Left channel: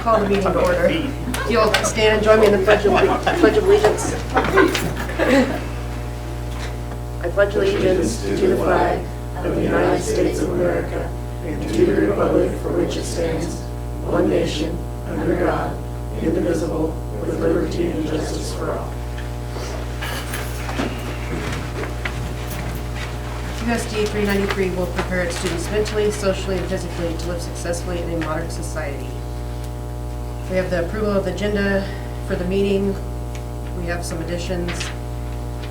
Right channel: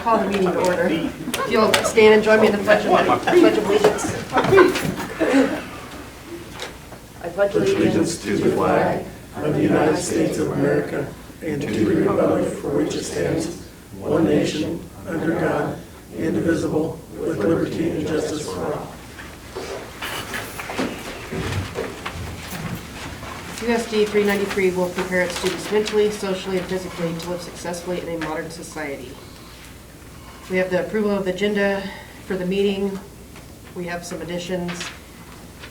call the meeting to order. If you'll stand and join me in the Pledge of Allegiance. I pledge allegiance to the flag of the United States of America and to the republic for which it stands, one nation, under God, indivisible, with liberty and justice for all. USD 393 will prepare its students mentally, socially, and physically to live successfully in a modern society. We have the approval of the agenda for the meeting. We have some additions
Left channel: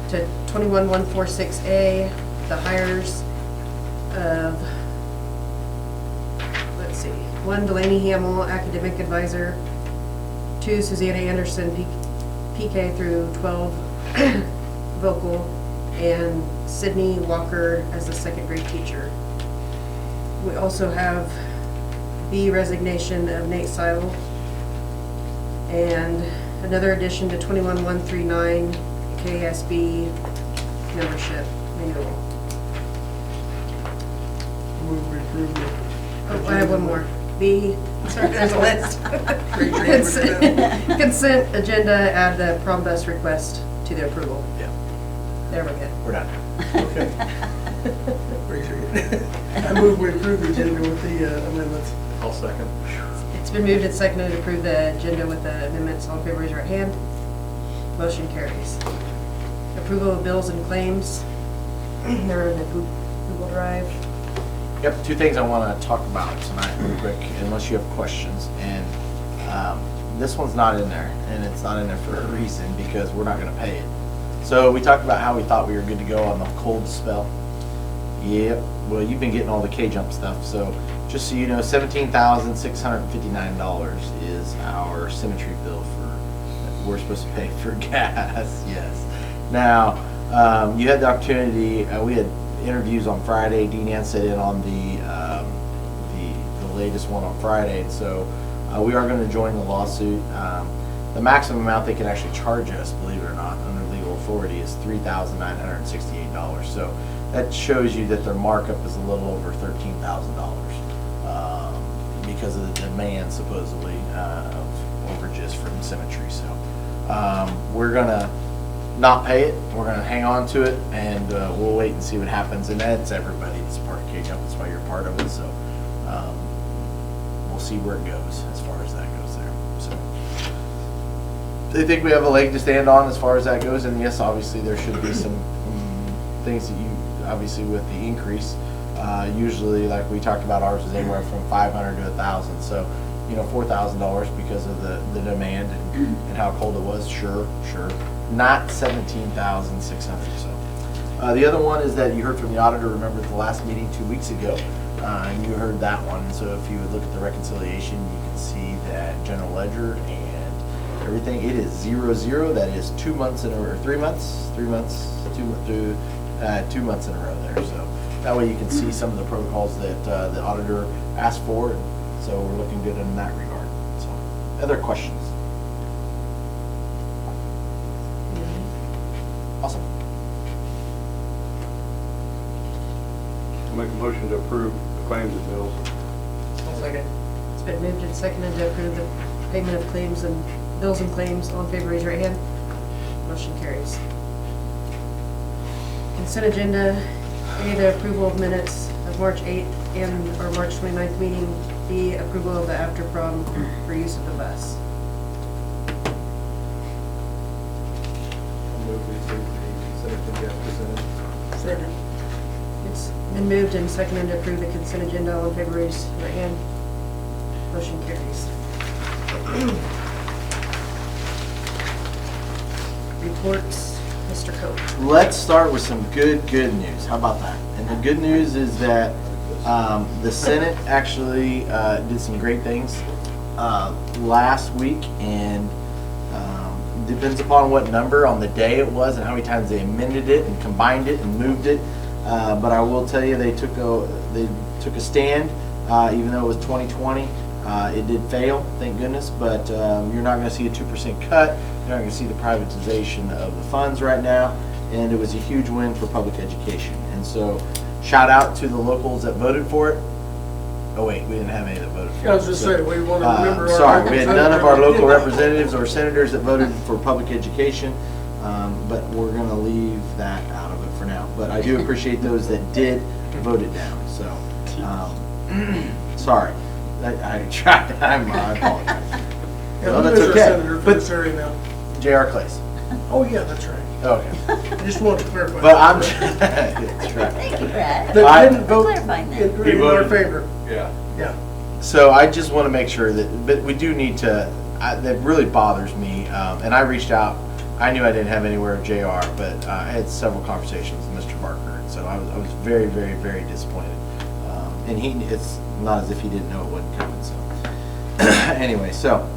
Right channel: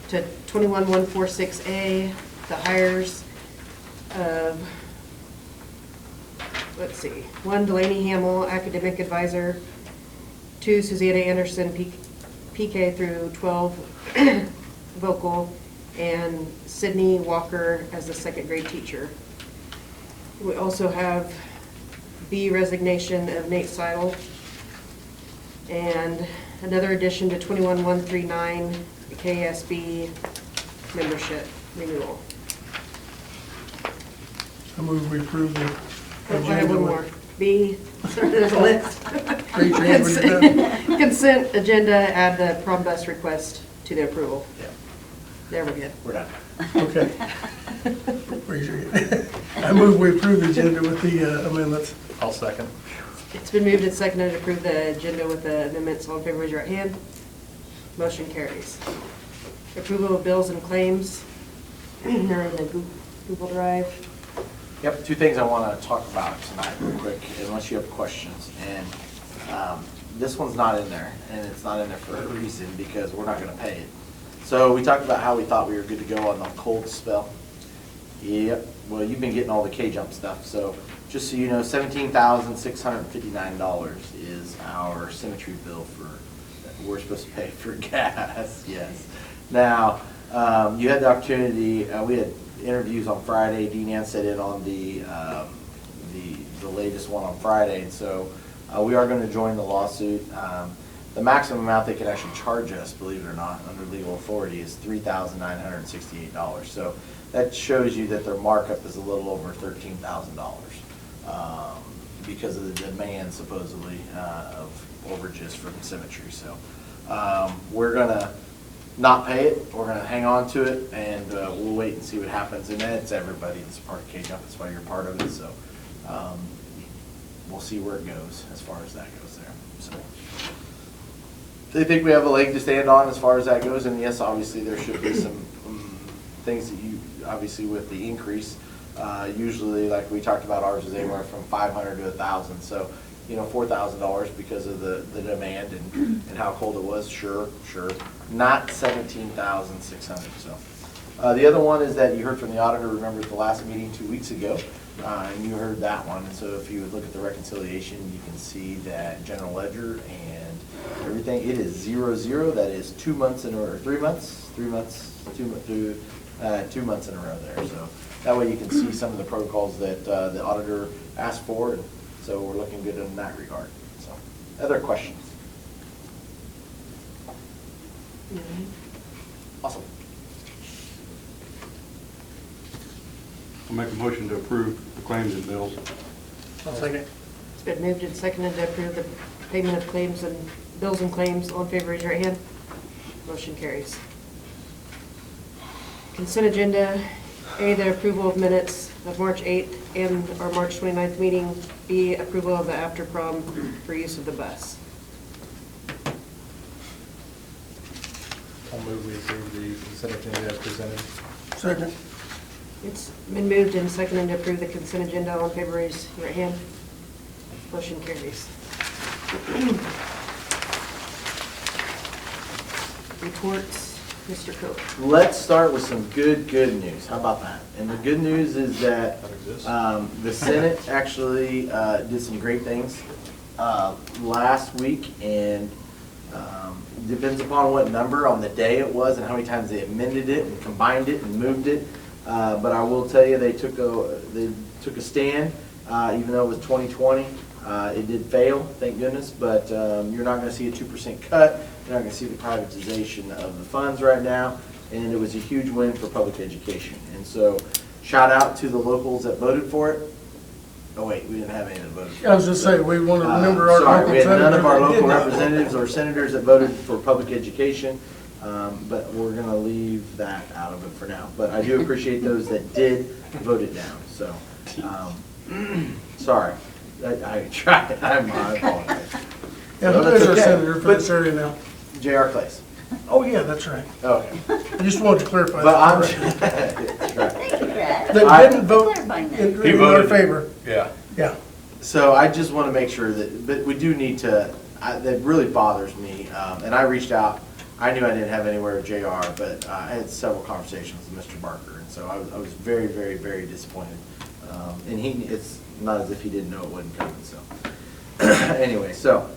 to 21146A, the hires of, let's see, 1 Delaney Hamill, academic advisor, 2 Susanna Anderson, PK through 12 vocal, and Sydney Walker as the second grade teacher. We also have the resignation of Nate Seidel and another addition to 21139 KSB membership renewal. I move we approve the. Oh, I have one more. Sorry, there's a list. Raise your hand when you're done. Consent agenda, add the prom bus request to the approval. Yeah, There we go. we're done. Okay. Raise your hand. I move we approve the agenda with the amendments. I'll second. It's been moved and seconded to approve the agenda with the amendments. All in favor, raise your right hand. Motion carries. Approval of bills and claims. They're in the Google Drive. Yep, 2 things I want to talk about tonight real quick, unless you have questions. And this one's not in there, and it's not in there for a reason, because we're not going to pay it. So we talked about how we thought we were good to go on the cold spell. Yeah, well, you've been getting all the K-Jump stuff, so just so you know, $17,659 is our symmetry bill that we're supposed to pay for gas. Yes. Now, you had the opportunity. We had interviews on Friday. Dean Ann sat in on the latest one on Friday, so we are going to join the lawsuit. The maximum amount they can actually charge us, believe it or not, under legal authority is $3,968. So that shows you that their markup is a little over $13,000 because of the demand, supposedly, of overages from Symmetry. So we're going to not pay it. We're going to hang on to it, and we'll wait and see what happens. And that's everybody that's part of K-Jump. That's why you're part of it. So we'll see where it goes as far as that goes there. So they think we have a leg to stand on as far as that goes. And yes, obviously there should be some things that you, obviously with the increase, usually like we talked about, ours is anywhere from $500 to $1,000. So, you know, $4,000 because of the demand and how cold it was. Sure. Not 17,600. So the other one is that you heard from the auditor. Remember the last meeting 2 weeks ago, and you heard that one. And so if you would look at the reconciliation, you can see that general ledger and everything, it is 0-0. That is 2 months in a row, 3 months, 2 months in a row there. So that way you can see some of the protocols that the auditor asked for. So we're looking good in that regard. So other questions? Awesome. I'll make a motion to approve the claims and bills. I'll second. It's been moved and seconded to approve the payment of claims and bills and claims. All in favor, raise your right hand. Motion carries. Consent agenda, A, the approval of minutes of March 8th and our March 29th meeting. B, approval of the after prom for use of the bus. I'll move we approve the consent agenda as presented. Second. It's been moved and seconded to approve the consent agenda. All in favor, raise your right hand. Motion carries. Reports, Mr. Coe. Let's start with some good news. How about that? And the good news is that the Senate actually did some great things last week, and depends upon what number on the day it was and how many times they amended it and combined it and moved it. But I will tell you, they took a stand, even though it was 2020. It did fail, thank goodness, but you're not going to see a 2% cut. You're not going to see the privatization of the funds right now, and it was a huge win for public education. And so shout out to the locals that voted for it. Oh wait, we didn't have any that voted. I was just saying, we want to remember our. Sorry, we had none of our local representatives. representatives or senators that voted for public education, but we're gonna leave that out of it for now. But I do appreciate those that did vote it down, so, sorry. I tried, I apologize. And So who that's is our okay. senator for But this area now? J.R. Clays. Oh, yeah, that's right. Okay. I just wanted to clarify. But I'm, that. that's right. Thank you, Brad. That didn't vote Clarifying that. in our favor, Yeah. yeah. So I just want to make sure that, but we do need to, that really bothers me, and I reached out, I knew I didn't have anywhere of JR, but I had several conversations with Mr. Barker, and so I was very, very, very disappointed. And it's not as if he didn't know it wasn't coming, so. Anyway, so,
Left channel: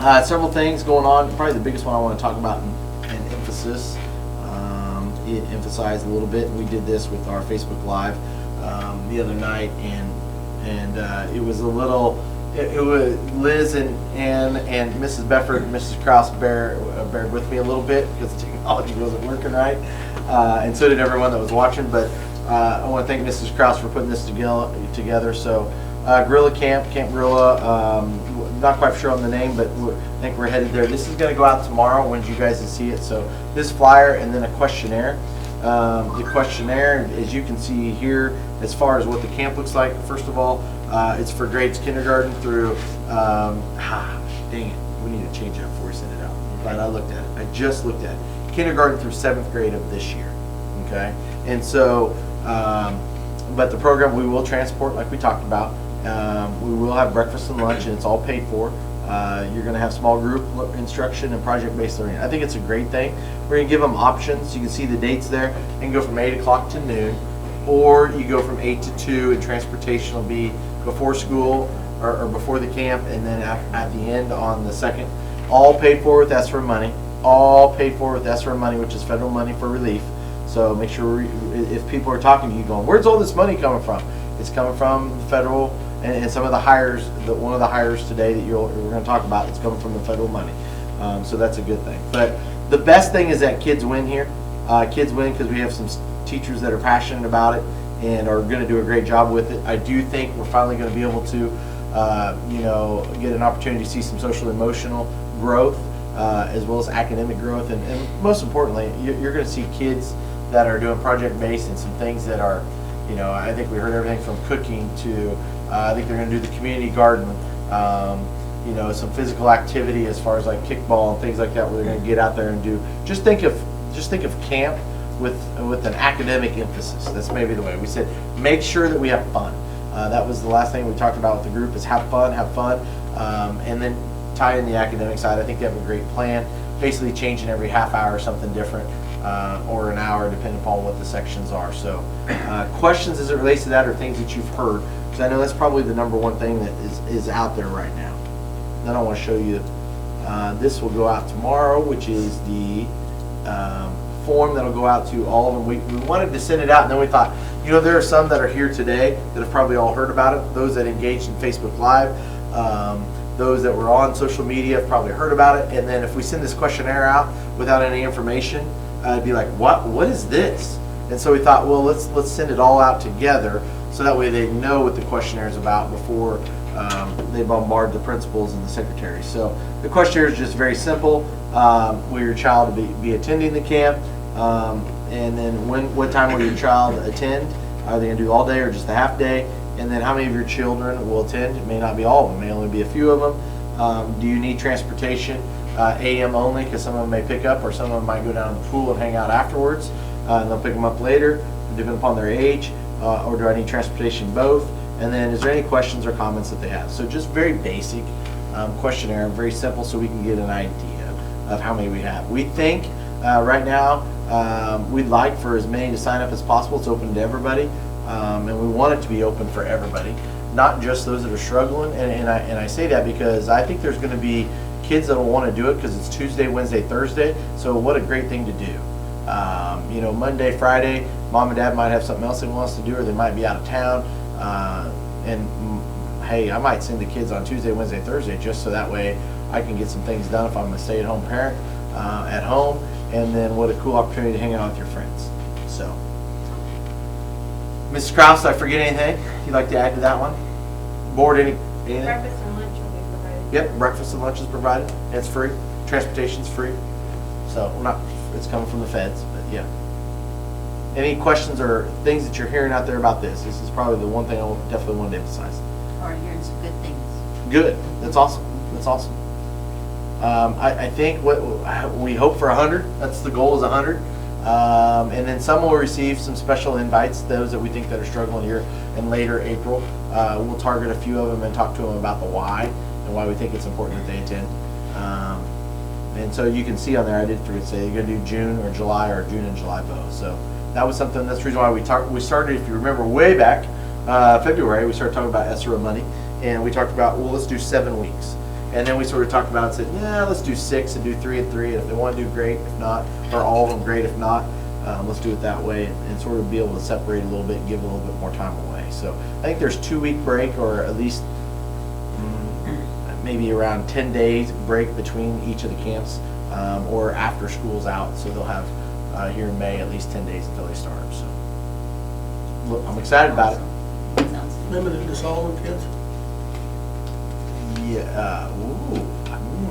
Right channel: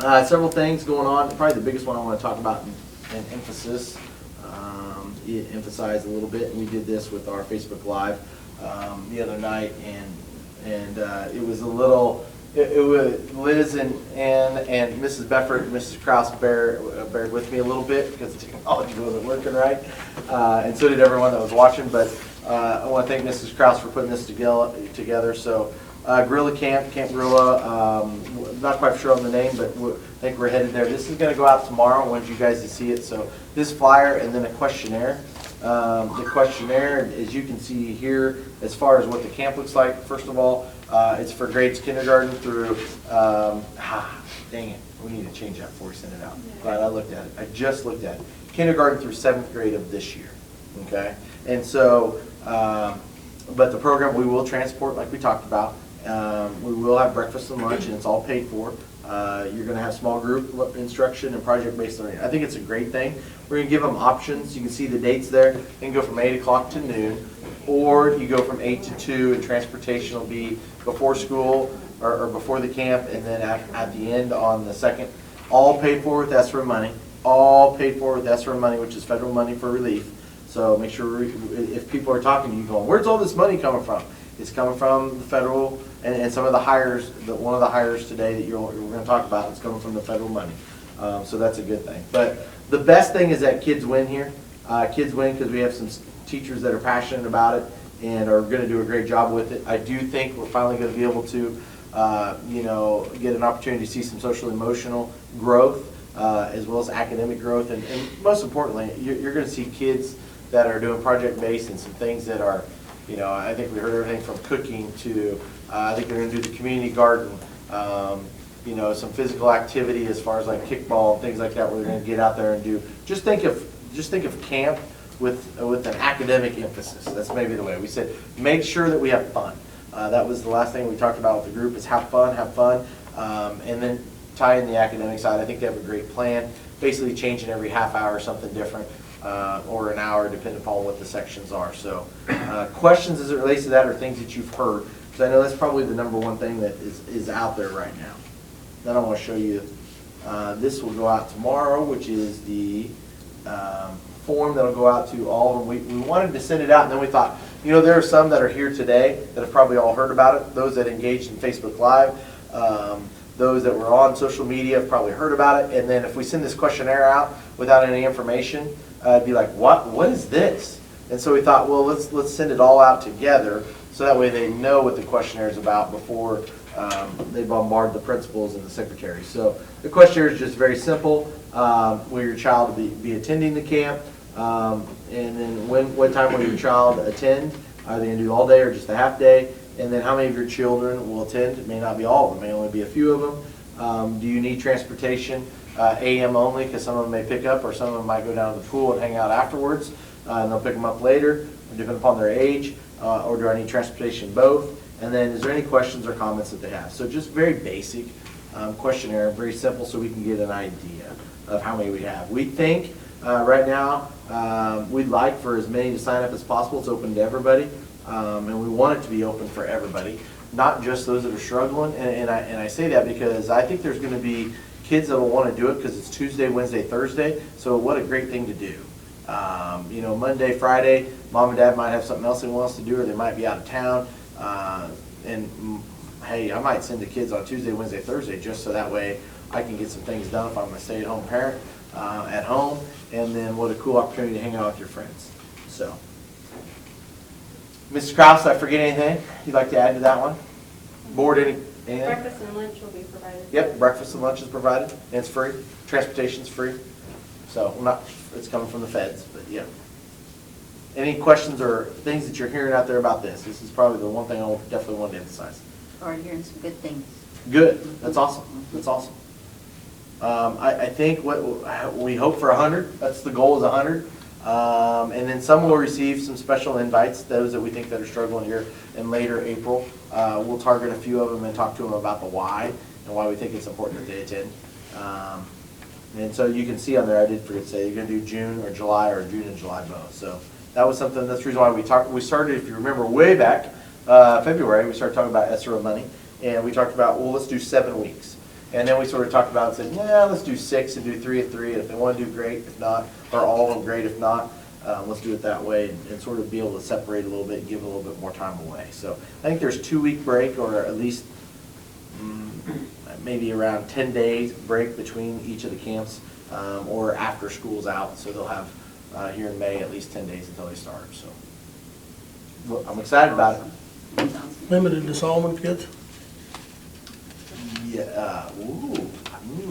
several things going on, probably the biggest one I want to talk about in emphasis, it emphasized a little bit, and we did this with our Facebook Live the other night, and it was a little, it was Liz and Mrs. Befford and Mrs. Kraus bared with me a little bit because the technology wasn't working right, and so did everyone that was watching. But I want to thank Mrs. Kraus for putting this together. So Gorilla Camp Gorilla, not quite sure on the name, but I think we're headed there. This is going to go out tomorrow. I wanted you guys to see it. So this flyer and then a questionnaire. The questionnaire, as you can see here, as far as what the camp looks like, first of all, it's for grades kindergarten through, dang it, we need to change that before we send it out. But I looked at it, I just looked at it. Kindergarten through 7th grade of this year, okay? And so, but the program, we will transport like we talked about. We will have breakfast and lunch, and it's all paid for. You're going to have small group instruction and project-based learning. I think it's a great thing. We're going to give them options. You can see the dates there. You can go from 8 o'clock to noon, or you go from 8 to 2, and transportation will be before school or before the camp, and then at the end on the 2nd. All paid for with ESSER money. All paid for with ESSER money, which is federal money for relief. So make sure if people are talking to you going, where's all this money coming from? It's coming from the federal, and some of the hires, one of the hires today that we're going to talk about is coming from the federal money. So that's a good thing. But the best thing is that kids win here. Kids win because we have some teachers that are passionate about it and are going to do a great job with it. I do think we're finally going to be able to, get an opportunity to see some social emotional growth as well as academic growth. And most importantly, you're going to see kids that are doing project-based and some things that are, I think we heard everything from cooking to, I think they're going to do the community garden, some physical activity as far as like kickball and things like that, where they're going to get out there and do. Just think of camp with an academic emphasis. That's maybe the way we said. Make sure that we have fun. That was the last thing we talked about with the group is have fun, and then tie in the academic side. I think they have a great plan. Basically changing every half hour something different. Or an hour, depending upon what the sections are. So, questions as it relates to that, or things that you've heard, because I know that's probably the number one thing that is out there right now. Then I want to show you, this will go out tomorrow, which is the form that'll go out to all of them. We wanted to send it out, and then we thought, there are some that are here today that have probably all heard about it. Those that engaged in Facebook Live, those that were on social media have probably heard about it. And then if we send this questionnaire out without any information, it'd be like, what is this? And so we thought, well, let's send it all out together, so that way they know what the questionnaire is about before they bombard the principals and the secretaries. So the questionnaire is just very simple. Will your child be attending the camp? And then what time will your child attend? Are they going to do all day or just a half day? And then how many of your children will attend? It may not be all of them, it may only be a few of them. Do you need transportation? AM only, because some of them may pick up, or some of them might go down to the pool and hang out afterwards, and they'll pick them up later, depending upon their age, or do I need transportation both? And then is there any questions or comments that they have? So just very basic questionnaire, very simple, so we can get an idea of how many we have. We think right now we'd like for as many to sign up as possible. It's open to everybody, and we want it to be open for everybody, not just those that are struggling. And I say that because I think there's going to be kids that will want to do it because it's Tuesday, Wednesday, Thursday. So what a great thing to do. Monday, Friday, mom and dad might have something else they want us to do, or they might be out of town. Hey, I might send the kids on Tuesday, Wednesday, Thursday, just so that way I can get some things done if I'm a stay-at-home parent at home. And then what a cool opportunity to hang out with your friends. So, Mrs. Kraus, did I forget anything you'd like to add to that one? Board, anything? Breakfast and lunch will be provided. Yep, breakfast and lunch is provided, and it's free. Transportation's free. So, it's coming from the feds, but yeah. Any questions or things that you're hearing out there about this? This is probably the one thing I definitely want to emphasize. Or hearing some good things. Good, that's awesome, that's awesome. I think what, we hope for 100, that's the goal is 100. And then some will receive some special invites, those that we think that are struggling here in later April. We'll target a few of them and talk to them about the why and why we think it's important that they attend. And so you can see on there, I did forget to say, you're gonna do June or July or June and July both. So that was something, that's the reason why we started, if you remember way back, February, we started talking about ESSER money. And we talked about, well, let's do 7 weeks. And then we sort of talked about and said, yeah, let's do 6 and do 3 and 3. And if they want to do, great. If not, or all of them, great. If not, let's do it that way and sort of be able to separate a little bit and give a little bit more time away. So I think there's 2-week break, or at least maybe around 10 days break between each of the camps, or after school's out. So they'll have here in May at least 10 days until they start. So look, I'm excited about it. Sounds good. Limited to Solomon kids? Yeah. Ooh.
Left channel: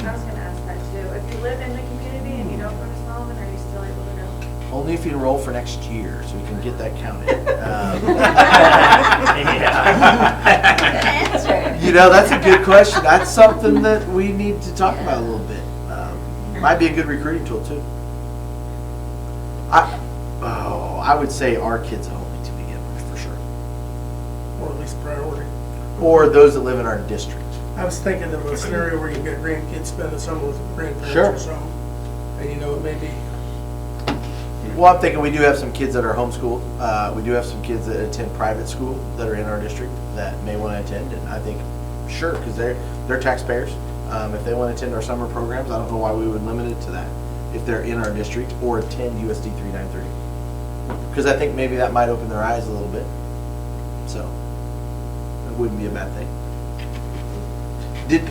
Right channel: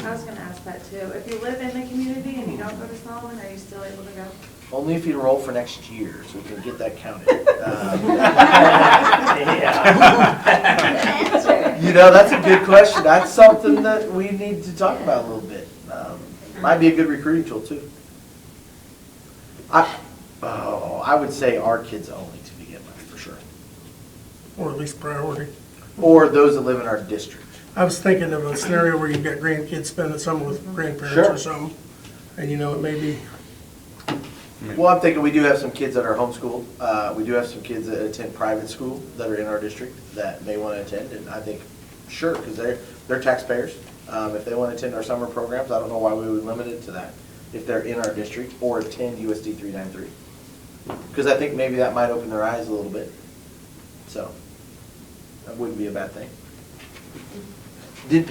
I was gonna ask that too. If you live in the community and you don't go to Solomon, are you still able to go? Only if you enroll for next year, so we can get that counted. Good answer. You know, that's a good question. That's something that we need to talk about a little bit. Might be a good recruiting tool too. I would say our kids only to begin with, for sure. Or at least priority. Or those that live in our district. I was thinking of a scenario where you've got grandkids spending summer with grandparents Sure. or something. And you know, it may be, Well, I'm thinking we do have some kids that are homeschooled. We do have some kids that attend private school that are in our district that may want to attend, and I think, sure, because they're taxpayers. If they want to attend our summer programs, I don't know why we would limit it to that, if they're in our district or attend USD 393. Because I think maybe that might open their eyes a little bit. So, that wouldn't be a bad thing. Good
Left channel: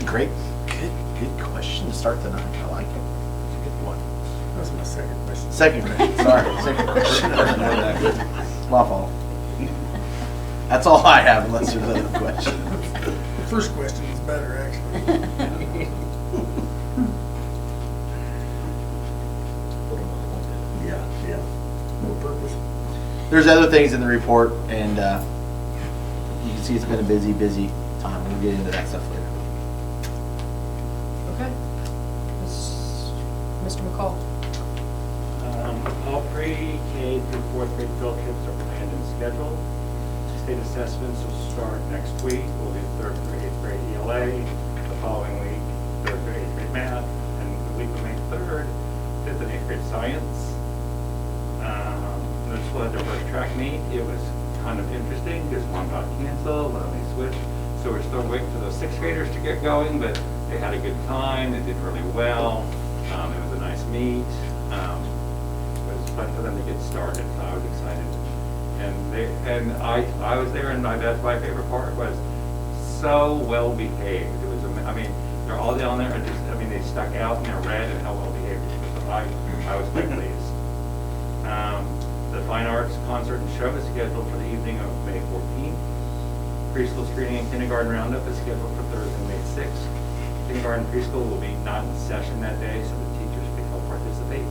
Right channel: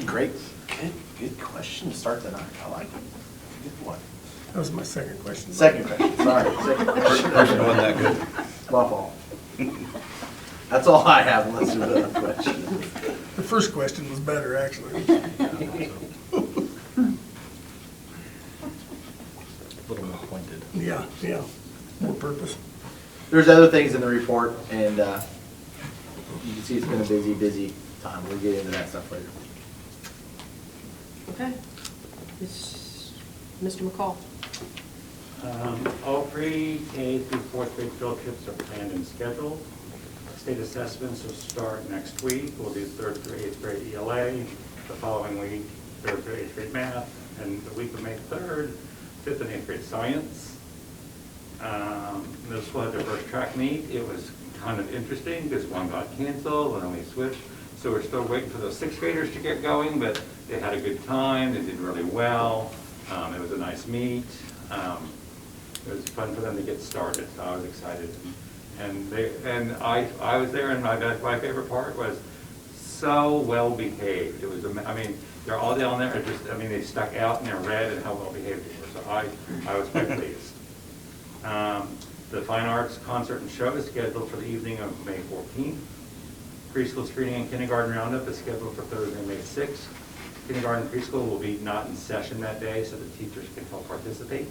question to start tonight. I like it. Good one. that was my second question. Second question, sorry, second question. First one wasn't that good. My fault. That's all I have unless there's other questions. The first question was better, actually. A little more pointed. Yeah, more purpose. There's other things in the report, and you can see it's been a busy time. We'll get into that stuff later. Okay. Mr. McCall. All pre-K through 4th grade field trips are planned and scheduled. State assessments will start next week. We'll do 3rd through 8th grade ELA. The following week, 3rd through 8th grade math. And the week of May 3rd, 5th and 8th grade science. This was their first track meet. It was kind of interesting because one got canceled, one only switched. So we're still waiting for those 6th graders to get going, but they had a good time. They did really well. It was a nice meet. It was fun for them to get started, so I was excited. And I was there, and my favorite part was so well behaved. It was, they're all down there, and they stuck out and they're red and how well behaved it was. So I was quite pleased. The Fine Arts Concert and Show is scheduled for the evening of May 14th. Preschool screening and kindergarten roundup is scheduled for Thursday, May 6th. Kindergarten and preschool will be not in session that day, so the teachers can help participate.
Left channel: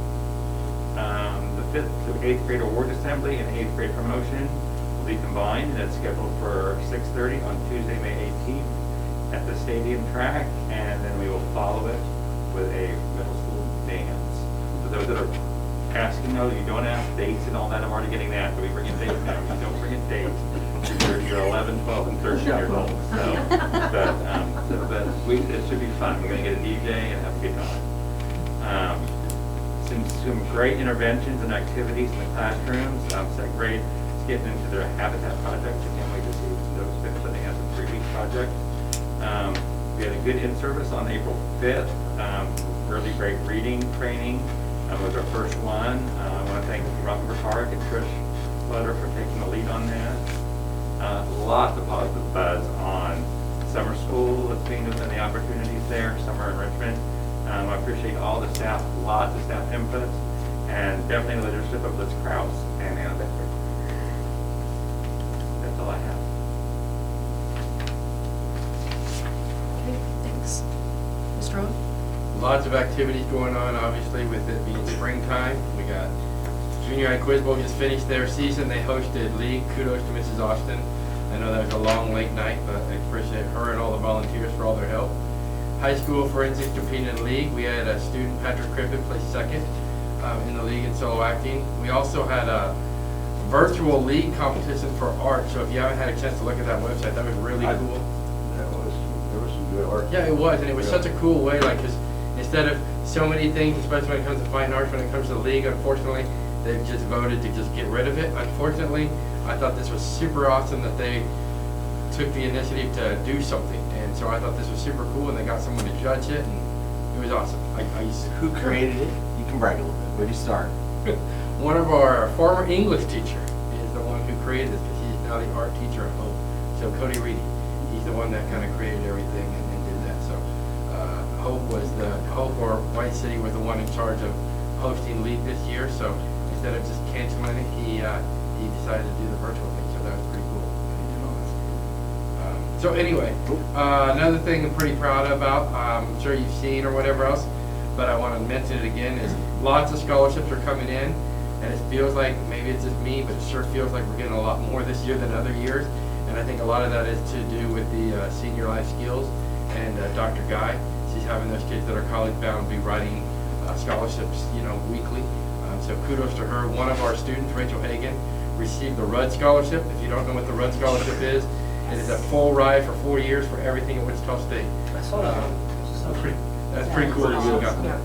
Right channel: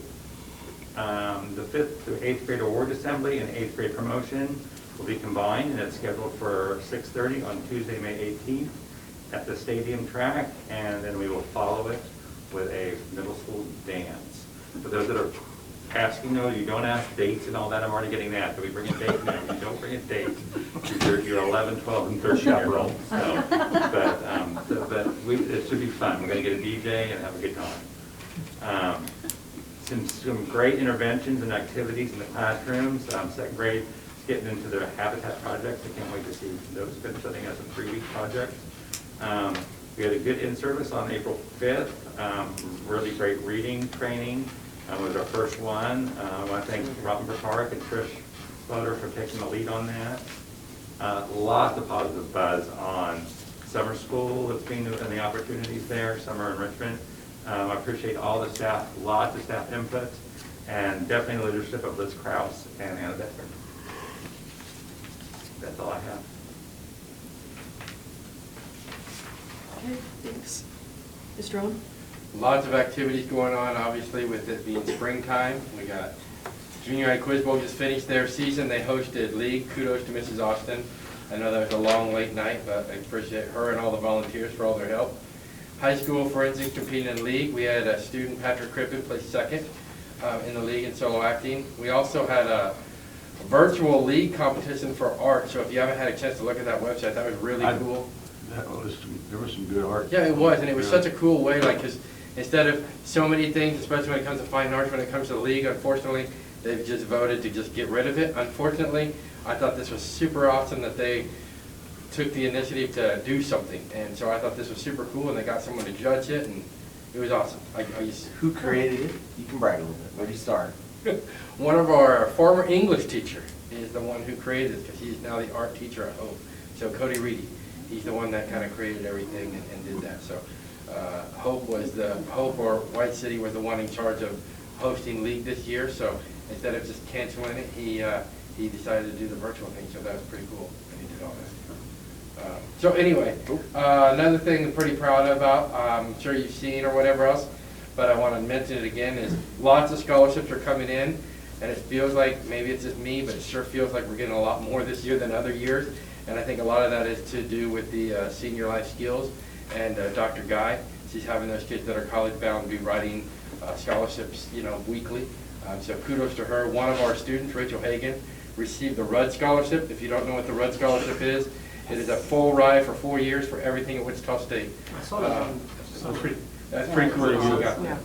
The 5th through 8th grade award assembly and 8th grade promotion will be combined, and it's scheduled for 6:30 on Tuesday, May 18th at the stadium track, and then we will follow it with a middle school dance. For those that are asking, no, you don't ask dates and all that, I'm already getting that, do we bring in dates? No, don't bring in dates. You're 11, 12, and 13 years old, so, but it should be fun. We're gonna get a DJ and have a good time. Some great interventions and activities in the classrooms. Second grade is getting into their habitat projects. I can't wait to see those finished. I think that's a 3-week project. We had a good in-service on April 5th. Really great reading training. Was our first one. I want to thank Rutherford Park and Trish Butter for taking the lead on that. Lots of positive buzz on summer school with being and the opportunities there, summer enrichment. I appreciate all the staff, lots of staff input, and definitely the leadership of Liz Krause and Anna Becker. That's all I have. strong? Lots of activities going on, obviously, with it being springtime. We got Junior High Quiz Bowl just finished their season. They hosted league. Kudos to Mrs. Austin. I know that was a long, late night, but I appreciate her and all the volunteers for all their help. High school forensics competing in league. We had a student, Patrick Crippen, place second in the league in solo acting. We also had a virtual league competition for art. So if you haven't had a chance to look at that website, that was really cool. There was some good art. Yeah, it was, and it was such a cool way, like, because instead of so many things, especially when it comes to fine arts, when it comes to the league, unfortunately, they've just voted to just get rid of it. Unfortunately, I thought this was super awesome that they took the initiative to do something, and so I thought this was super cool, and they got someone to judge it, and it was awesome. Who created it? You can brag a little bit. Where do you start? One of our former English teacher is the one who created this. He's now the art teacher at Hope. So Cody Reedy, he's the one that kind of created everything and did that. So Hope or White City was the one in charge of hosting league this year. So instead of just canceling it, he decided to do the virtual thing. So that was pretty cool. He did all that. So anyway, another thing I'm pretty proud about, I'm sure you've seen or whatever else, but I want to mention it again, is lots of scholarships are coming in, and it feels like, maybe it's just me, but it sure feels like we're getting a lot more this year than other years. And I think a lot of that is to do with the senior life skills, and Dr. Guy, she's having those kids that are college bound be writing scholarships, weekly. So kudos to her. One of our students, Rachel Hagan, received the Rudd Scholarship. If you don't know what the Rudd Scholarship is, it is a full ride for 4 years for everything at Wichita State. That's pretty cool that you got that.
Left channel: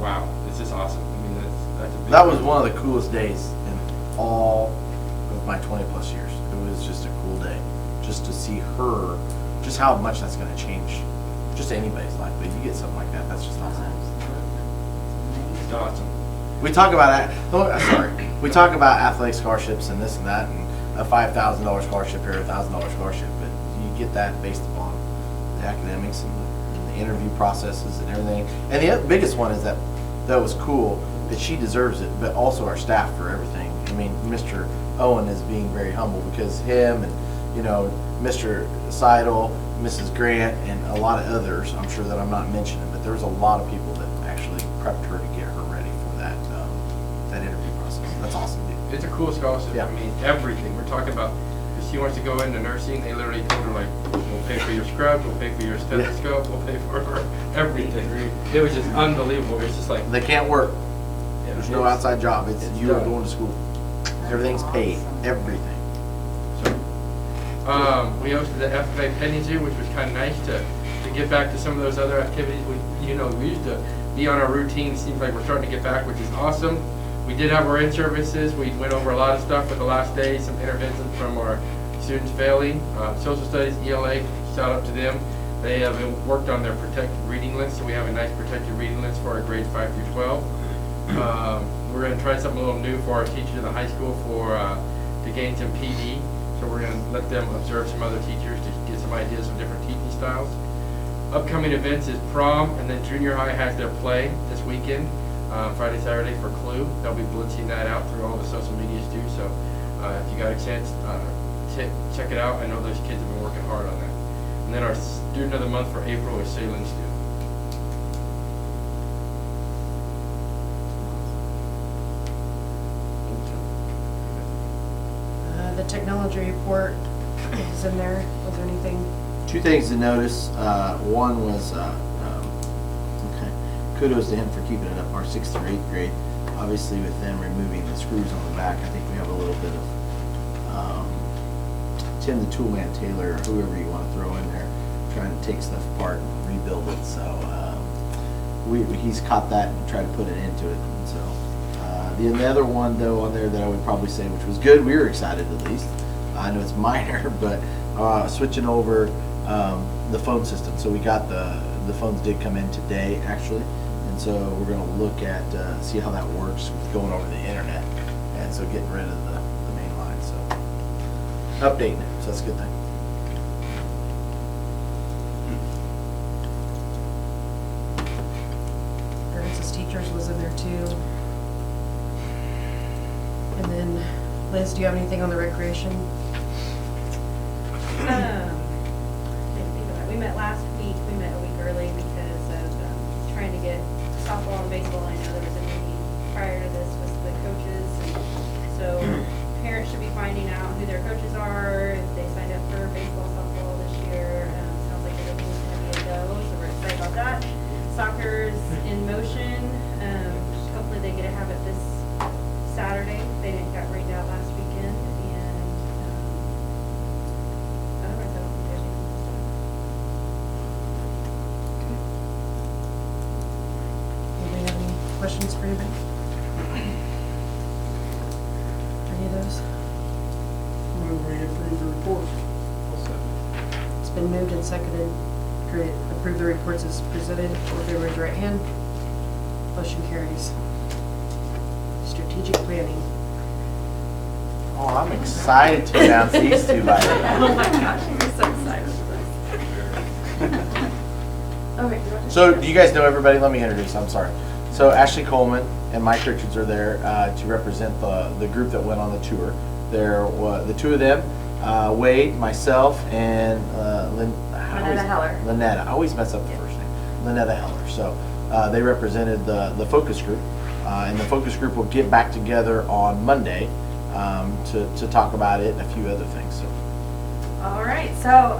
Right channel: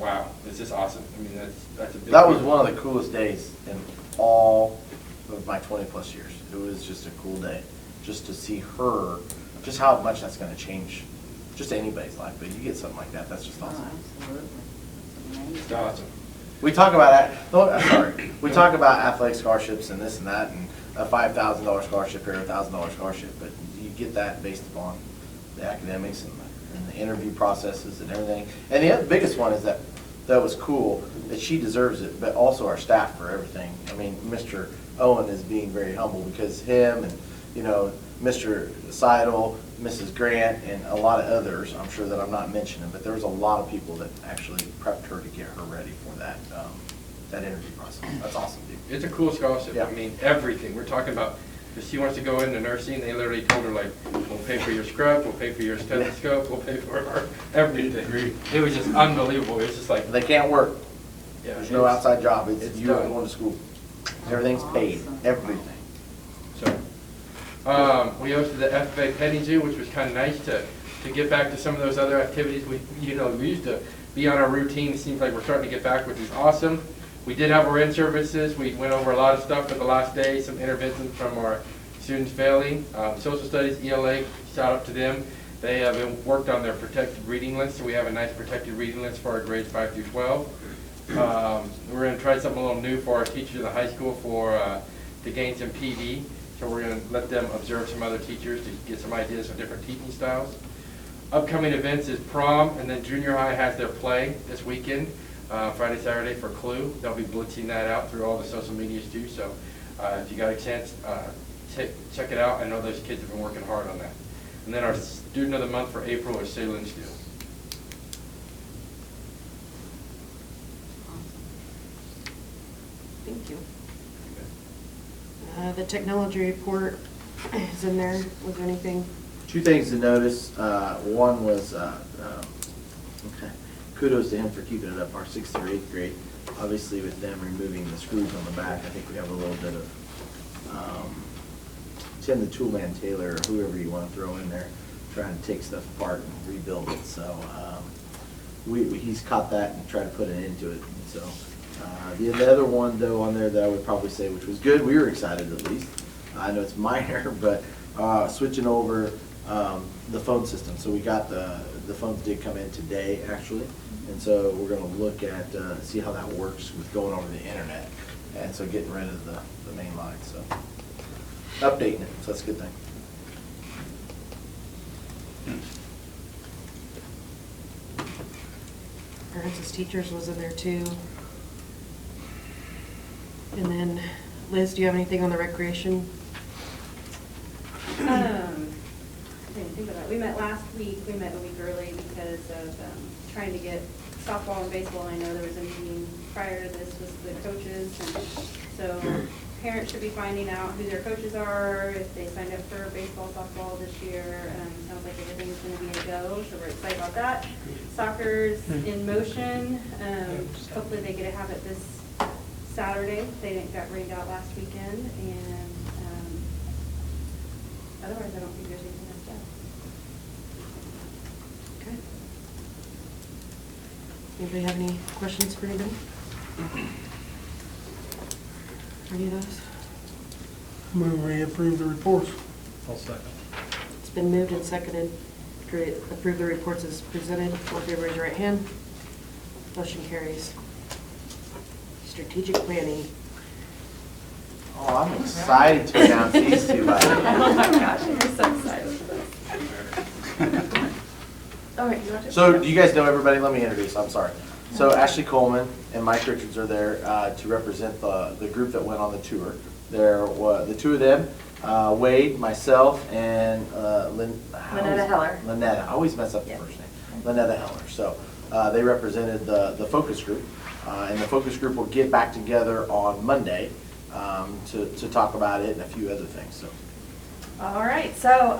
Wow, it's just awesome. I mean, that's a big That was deal. one of the coolest days in all of my 20 plus years. It was just a cool day, just to see her, just how much that's going to change just anybody's life. But you get something like that, that's just awesome. It's awesome. We talk about that. Oh, sorry. We talk about athletic scholarships and this and that, and a $5,000 scholarship here, a $1,000 scholarship. But you get that based upon the academics and the interview processes and everything. And the biggest one is that was cool, that she deserves it, but also our staff for everything. I mean, Mr. Owen is being very humble, because him and, Mr. Seidel, Mrs. Grant, and a lot of others, I'm sure that I'm not mentioning, but there was a lot of people that actually prepped her to get her ready for that interview process. That's awesome, dude. It's a cool scholarship. Yeah. I mean, everything. We're talking about, if she wants to go into nursing, they literally told her, like, we'll pay for your scrub, we'll pay for your stethoscope, we'll pay for her everything. It was just unbelievable. It was just like, They can't work. yeah, There's no outside job. It's it's you are done. going to school. Everything's paid. Everything. So, we hosted the FFA Petting Zoo, which was kind of nice to get back to some of those other activities. We used to be on our routine. It seems like we're starting to get back, which is awesome. We did have our in-services. We went over a lot of stuff for the last day, some interventions from our students failing. Social studies, ELA, shout out to them. They have worked on their protected reading list, so we have a nice protected reading list for our grades 5 through 12. We're going to try something a little new for our teachers in the high school to gain some PD. So we're going to let them observe some other teachers to get some ideas of different teaching styles. Upcoming events is prom, and then junior high has their play this weekend, Friday, Saturday for Clue. They'll be blitzing that out through all the social medias too. So if you got a chance, check it out. I know those kids have been working hard on that. And then our student of the month for April is Salem Stew. Thank you. The technology report is in there. Was there anything? Two things to notice. One was kudos to him for keeping it up. Our 6th through 8th grade, obviously with them removing the screws on the back, I think we have a little bit of Tim the Toolman Taylor, or whoever you want to throw in there, trying to take stuff apart and rebuild it. So he's caught that and tried to put an end to it. And so the other one though on there that I would probably say, which was good, we were excited at least. I know it's minor, but switching over the phone system. So we got the phones did come in today actually, and so we're going to look at see how that works with going over the internet, and so getting rid of the main line. So updating it, so that's a good thing. Parents as teachers was in there too. And then, Liz, do you have anything on the recreation? Didn't think of that. We met last week. We met a week early because softball and baseball, I know there was a meeting prior to this with the coaches. So parents should be finding out who their coaches are, if they signed up for baseball, softball this year. Sounds like everything's gonna be a go, so we're excited about that. Soccer's in motion. Hopefully they get to have it this Saturday. They got rained out last weekend, and otherwise I don't think there's anything else. Anybody have any questions for anybody? Any of those? Move we approve the reports. It's been moved and seconded to approve the reports as presented. All in favor, raise your right hand. Motion carries. Strategic planning. Oh, I'm excited to announce these two, by the way. Oh my gosh, you're so excited for this. All right. So, do you guys know everybody? Let me introduce, I'm sorry. So Ashley Coleman and Mike Richards are there to represent the group that went on the tour. There were the two of them, Wade, myself, and Lynetta Heller. Lynetta, I always mess up the first name. Lynetta Heller. So they represented the focus group, and the focus group will get back together on Monday to talk about it and a few other things. So. All right, so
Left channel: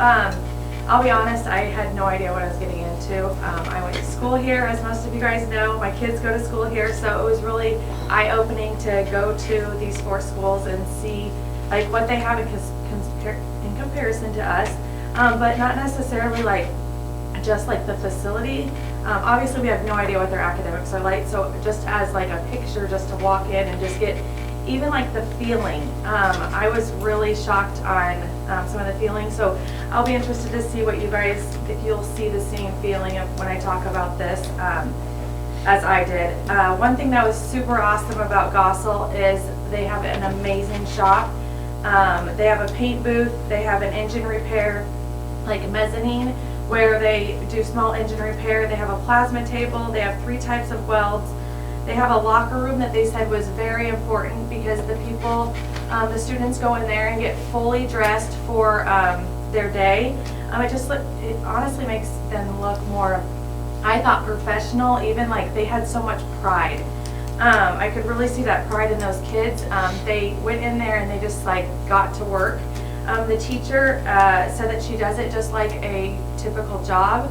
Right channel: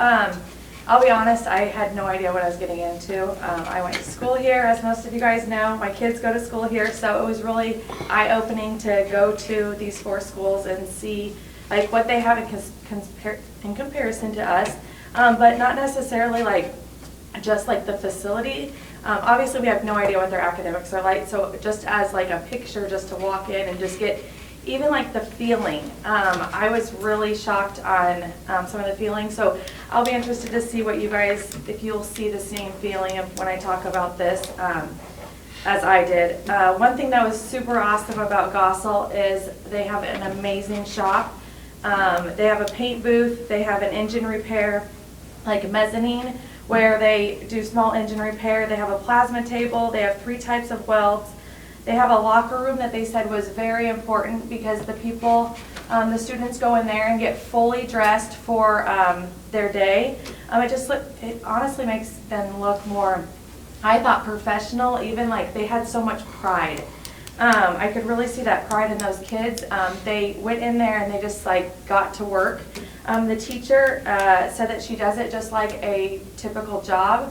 I'll be honest, I had no idea what I was getting into. I went to school here, as most of you guys know. My kids go to school here, so it was really eye-opening to go to these 4 schools and see like what they have in comparison to us, but not necessarily like just like the facility. Obviously, we have no idea what their academics are like, so just as like a picture, just to walk in and just get even like the feeling. I was really shocked on some of the feelings, so I'll be interested to see what you guys, if you'll see the same feeling of when I talk about this as I did. One thing that was super awesome about Gossel is they have an amazing shop. They have a paint booth, they have an engine repair, like a mezzanine, where they do small engine repair. They have a plasma table, they have 3 types of welds. They have a locker room that they said was very important because the people, the students go in there and get fully dressed for their day. It honestly makes them look more, I thought, professional, even like they had so much pride. I could really see that pride in those kids. They went in there and they just like got to work. The teacher said that she does it just like a typical job.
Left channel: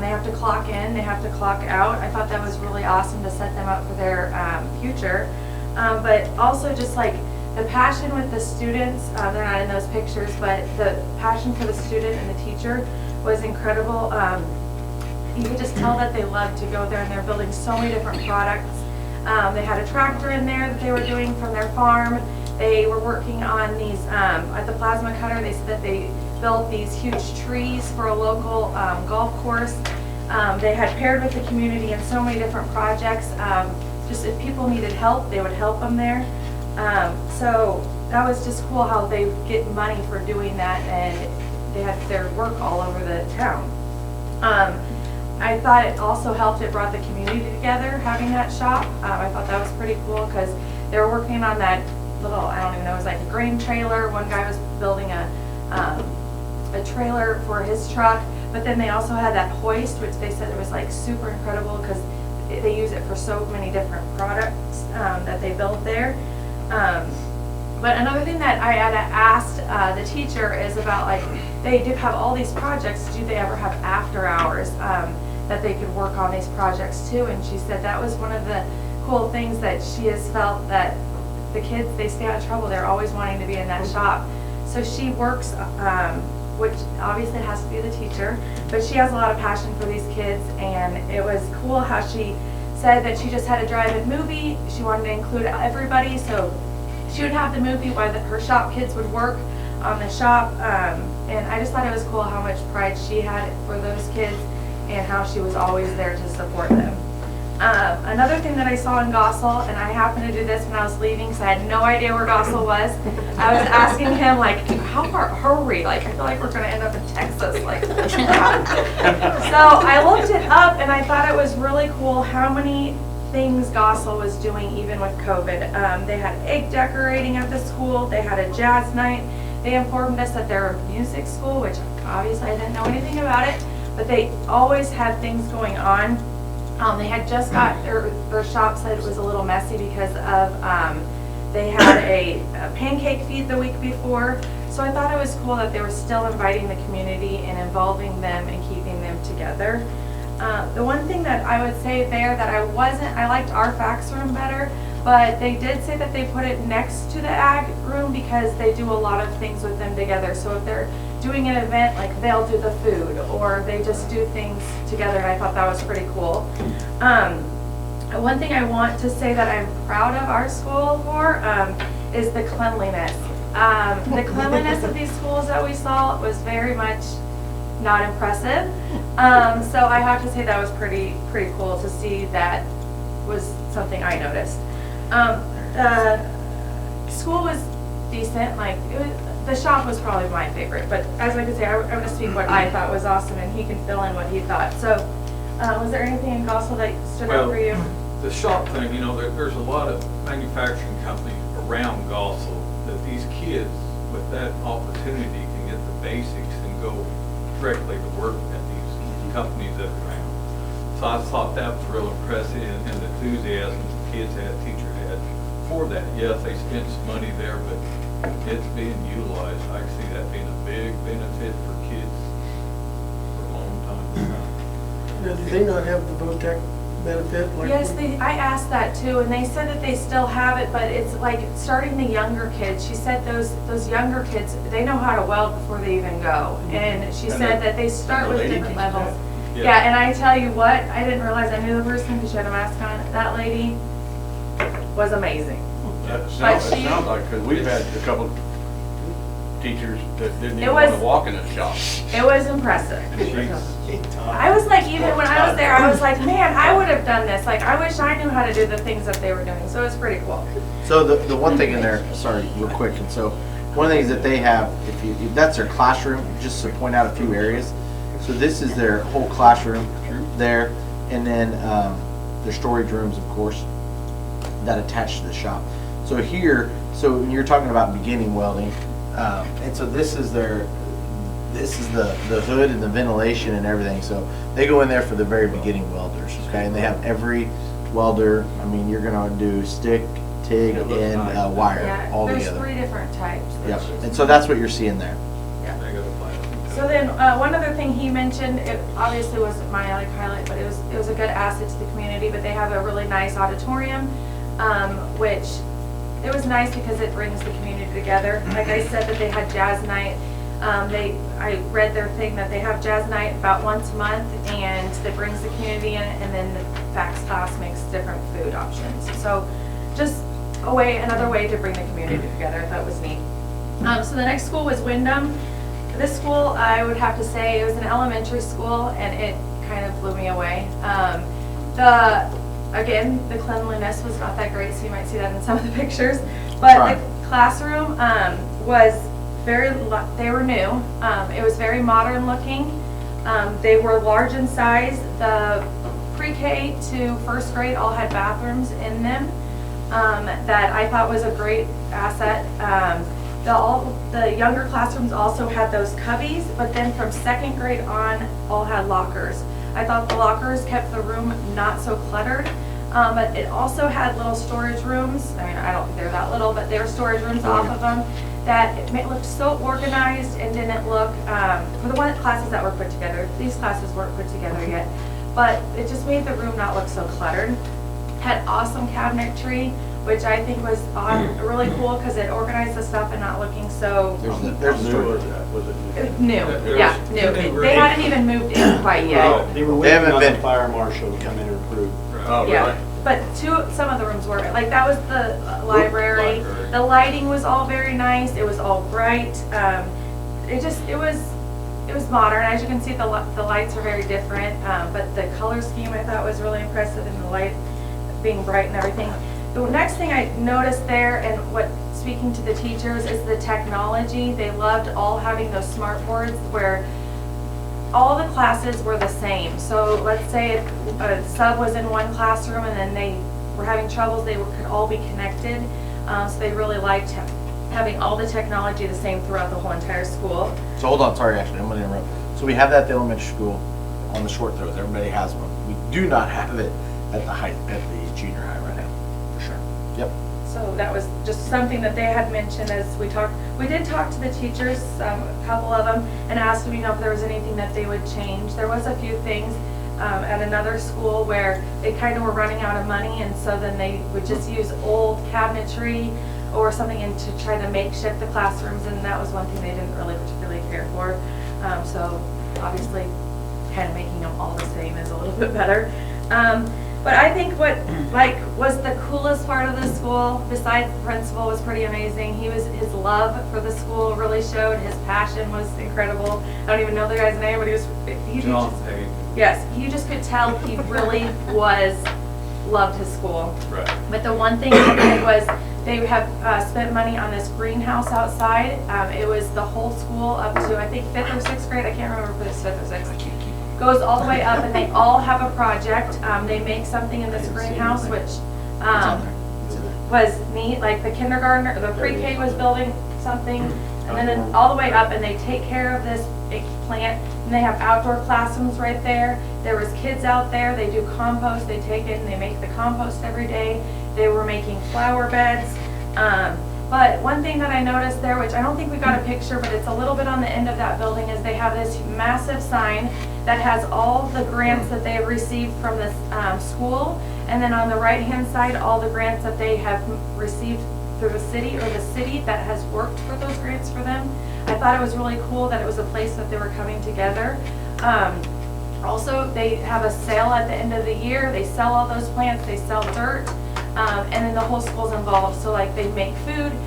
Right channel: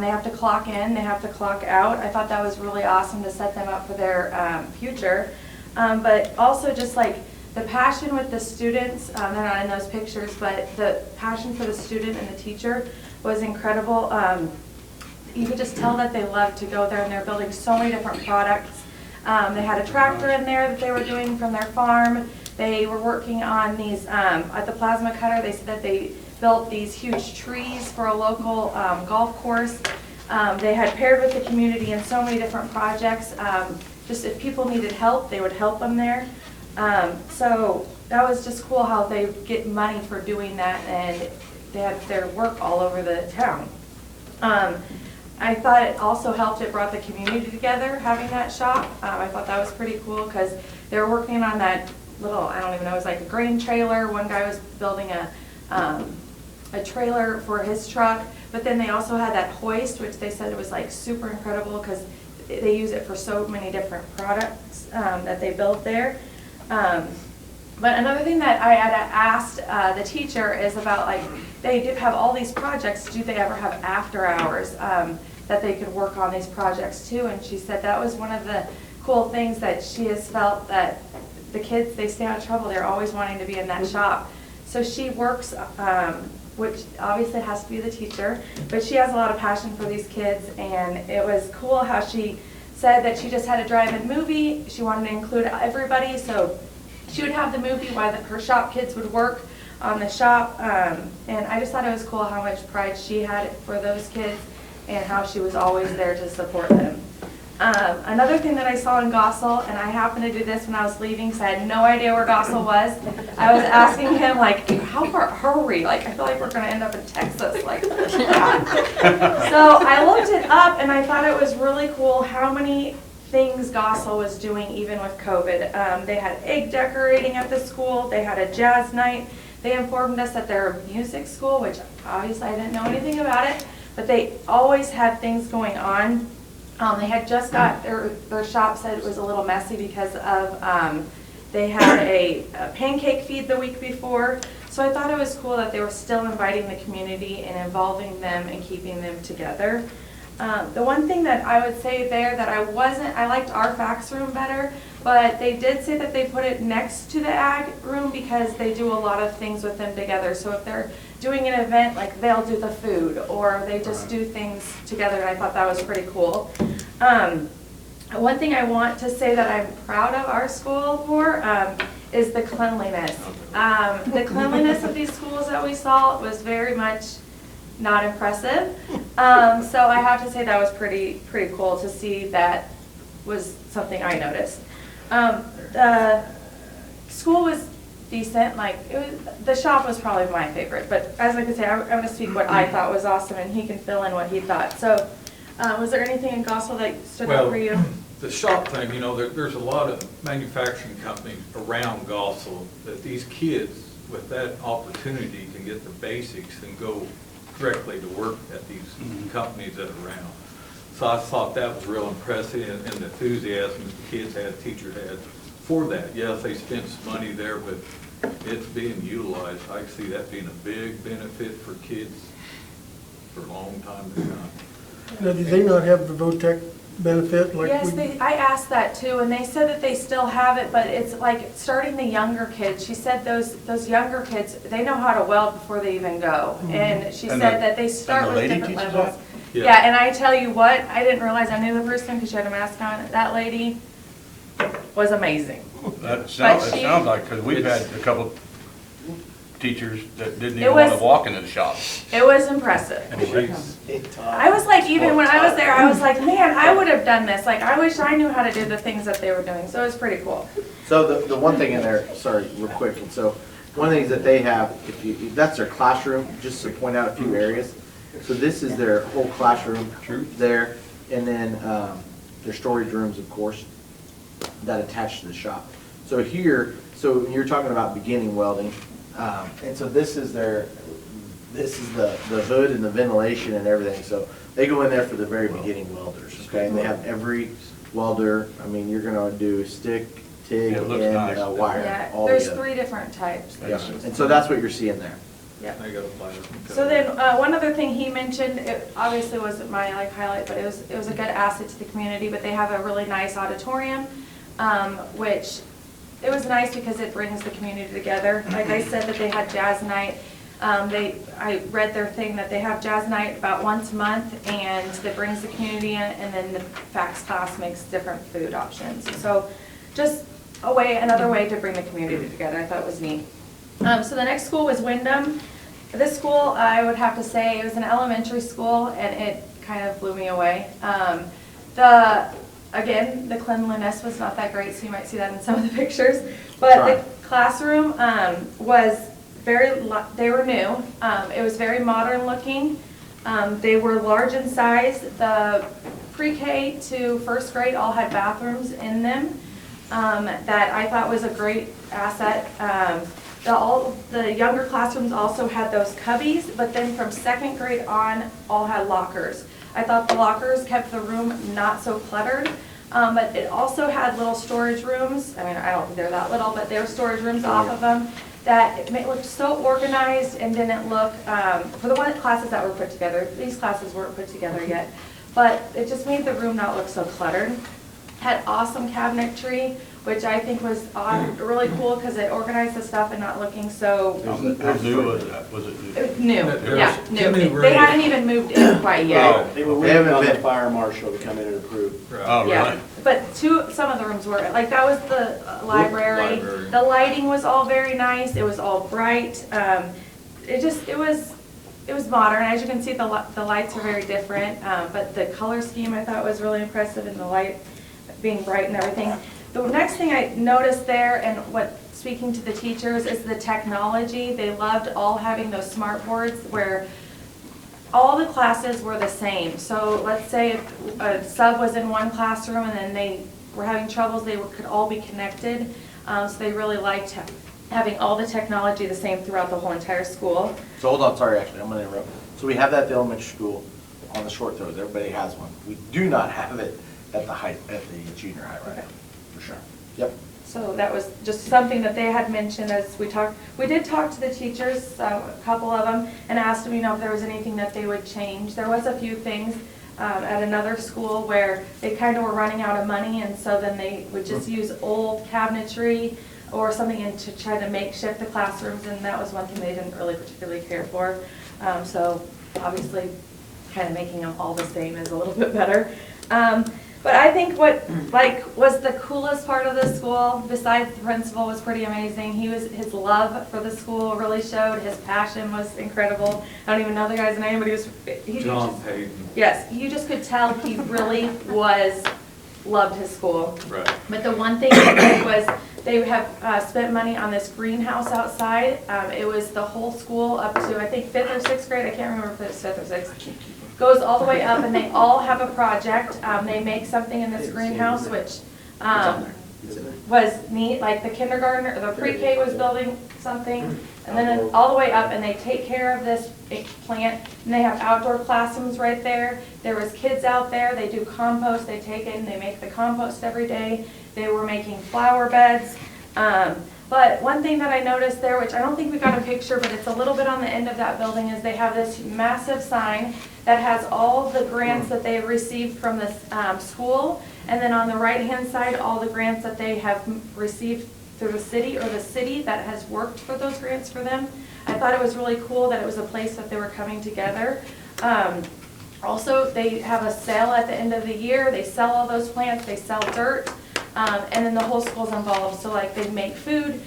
They have to clock in, they have to clock out. I thought that was really awesome to set them up for their future. But also just like the passion with the students, they're not in those pictures, but the passion for the student and the teacher was incredible. You could just tell that they love to go there, and they're building so many different products. They had a tractor in there that they were doing from their farm. They were working on these, at the plasma cutter, they said that they built these huge trees for a local golf course. They had paired with the community in so many different projects. Just if people needed help, they would help them there. So that was just cool how they get money for doing that, and they had their work all over the town. I thought it also helped, it brought the community together, having that shop. I thought that was pretty cool because they were working on that little, I don't even know, it was like a grain trailer. One guy was building a trailer for his truck, but then they also had that hoist, which they said it was like super incredible because they use it for so many different products that they build there. But another thing that I had asked the teacher is about, like, they do have all these projects, do they ever have after hours that they could work on these projects too? And she said that was one of the cool things that she has felt, that the kids, they stay out of trouble, they're always wanting to be in that shop. So she works, which obviously has to be the teacher, but she has a lot of passion for these kids, and it was cool how she said that she just had a drive-in movie. She wanted to include everybody, so she would have the movie while her shop kids would work on the shop, and I just thought it was cool how much pride she had for those kids and how she was always there to support them. Another thing that I saw in Gossel, and I happened to do this when I was leaving because I had no idea where Gossel was. I was asking him, like, how far are we? Like, I feel like we're going to end up in Texas. Like, so I looked it up, and I thought it was really cool how many things Gossel was doing even with COVID. They had egg decorating at the school. They had a jazz night. They informed us that they're a music school, which obviously I didn't know anything about it, but they always had things going on. They had just got, their shop said it was a little messy because of, they had a pancake feed the week before. So I thought it was cool that they were still inviting the community and involving them and keeping them together. The one thing that I would say there that I liked our fax room better, but they did say that they put it next to the ag room because they do a lot of things with them together. So if they're doing an event, like they'll do the food or they just do things together, and I thought that was pretty cool. One thing I want to say that I'm proud of our school for is the cleanliness. The cleanliness of these schools that we saw was very much not impressive. So I have to say that was pretty cool to see. That was something I noticed. The school was decent. Like the shop was probably my favorite. But as I could say, I'm going to speak what I thought was awesome, and he can fill in what he thought. So, was there anything in Gospel that stood out for you? The shop thing, you know, there's a lot of manufacturing companies around Gospel that these kids with that opportunity can get the basics and go directly to work at these companies that are around. So I thought that was real impressive, and the enthusiasm the kids had, teachers had for that. Yes, they spent some money there, but it's being utilized. I can see that being a big benefit for kids for a long time to come. Now, did they not have the VOTEC benefit? Like Yes, we- I asked that too, and they said that they still have it, but it's like starting the younger kids. She said those younger kids, they know how to weld before they even go. And she And said the- that they start and the with lady different teaches levels. that? Yeah, and I tell you what, I didn't realize I knew the person because she had a mask on. That lady was amazing. That But sounds she- like, because we've had a couple teachers that didn't It even want to was- walk into the shop. It was impressive. She's I was like, even when I was there, I was like, man, I would have done this. Like, I wish I knew how to do the things that they were doing. So it was pretty cool. So the one thing in there, sorry, real quick, and so one of the things that they have, if that's their classroom, just to point out a few areas. So this is their whole classroom there, and then their storage rooms, of course, that attach to the shop. So here, so you're talking about beginning welding, and so this is the hood and the ventilation and everything. So they go in there for the very beginning welders, okay? And they have every welder. I mean, you're gonna do stick, TIG, Yeah, it looks and nice. wire Yeah, all there's together. 3 different types. Yeah, and so that's what you're seeing there. They got a plan. So then, one other thing he mentioned, it obviously wasn't my like highlight, but it was a good asset to the community. But they have a really nice auditorium, which it was nice because it brings the community together. Like I said, that they had jazz night. I read their thing that they have jazz night about once a month, and that brings the community in. And then the fax class makes different food options. So just another way to bring the community together. I thought it was neat. So the next school was Wyndham. This school, I would have to say, it was an elementary school, and it kind of blew me away. Again, the cleanliness was not that great, so you might see that in some of the pictures. But Right. the classroom was they were new. It was very modern looking. They were large in size. The pre-K to first grade all had bathrooms in them that I thought was a great asset. The younger classrooms also had those cubbies, but then from second grade on, all had lockers. I thought the lockers kept the room not so cluttered, but it also had little storage rooms. I mean, I don't think they're that little, but there were storage rooms off of them that it looked so organized and didn't look, for the classes that were put together, these classes weren't put together yet, but it just made the room not look so cluttered. Had awesome cabinetry, which I think was really cool because it organized the stuff and not looking so How new was that? Was it? new. Yeah, new. They hadn't even moved in quite yet. They were They waiting haven't on the been- fire marshal to come in and approve. Oh, Yeah, really? but some of the rooms were, like that was the library. Library. The lighting was all very nice. It was all bright. It was modern. As you can see, the lights are very different, but the color scheme I thought was really impressive, and the light being bright and everything. The next thing I noticed there, and speaking to the teachers, is the technology. They loved all having those smart boards where all the classes were the same. So let's say if a sub was in one classroom and then they were having troubles, could all be connected. So they really liked having all the technology the same throughout the whole entire school. So hold on, sorry, actually, I'm gonna interrupt. So we have that at the elementary school on the short throws, everybody has one. We do not have it at the junior high right now, for sure. Yep. So that was just something that they had mentioned as we talked. We did talk to the teachers, a couple of them, and asked them, if there was anything that they would change. There was a few things at another school where they kind of were running out of money, and so then they would just use old cabinetry or something and to try to makeshift the classrooms, and that was one thing they didn't really particularly care for. So obviously, kind of making them all the same is a little bit better. But I think what was the coolest part of the school, besides the principal, was pretty amazing. His love for the school really showed. His passion was incredible. I don't even know the guy's name, but John Payton. Yes, you just could tell he really loved his school. Right. But the one thing they did was they have spent money on this greenhouse outside. It was the whole school up to, I think, 5th or 6th grade. I can't remember if it was 5th or 6th. Goes all the way up, and they all have a project. They make something in this greenhouse, which was neat. Like the kindergartner, the pre-K was building something, and then all the way up, and they take care of this plant, and they have outdoor classrooms right there. There was kids out there. They do compost. They take it and they make the compost every day. They were making flower beds. But one thing that I noticed there, which I don't think we got a picture, but it's a little bit on the end of that building, is they have this massive sign that has all the grants that they have received from this school. And then on the right-hand side, all the grants that they have received through the city, or the city that has worked for those grants for them. I thought it was really cool that it was a place that they were coming together. Also, they have a sale at the end of the year. They sell all those plants, they sell dirt. And then the whole school's involved. So like they make food.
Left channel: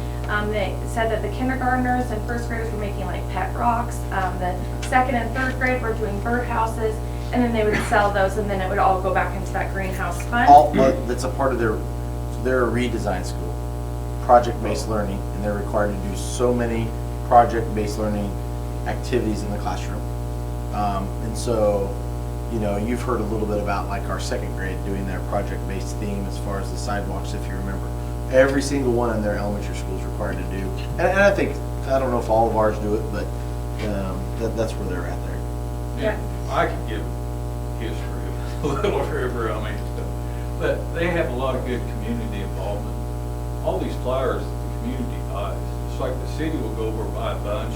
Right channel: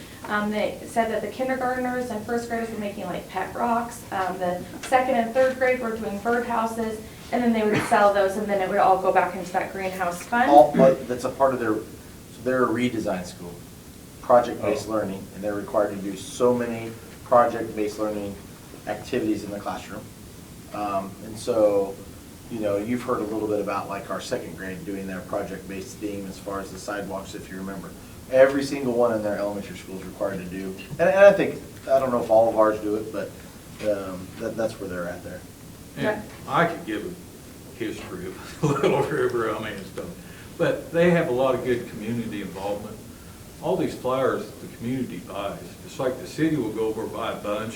They said that the kindergartners and first graders were making like pet rocks. The second and third grade were doing bird houses, and then they would sell those, and then it would all go back into that greenhouse fund. That's a part of they're a redesign school, project-based learning, and they're required to do so many project-based learning activities in the classroom. And so, you've heard a little bit about like our second grade doing their project-based theme as far as the sidewalks, if you remember. Every single one in their elementary school is required to do. And I don't know if all of ours do it, but that's where they're at there. Yeah, I could give history of Little River, but they have a lot of good community involvement. All these flowers the community buys. It's like the city will go over and buy a bunch,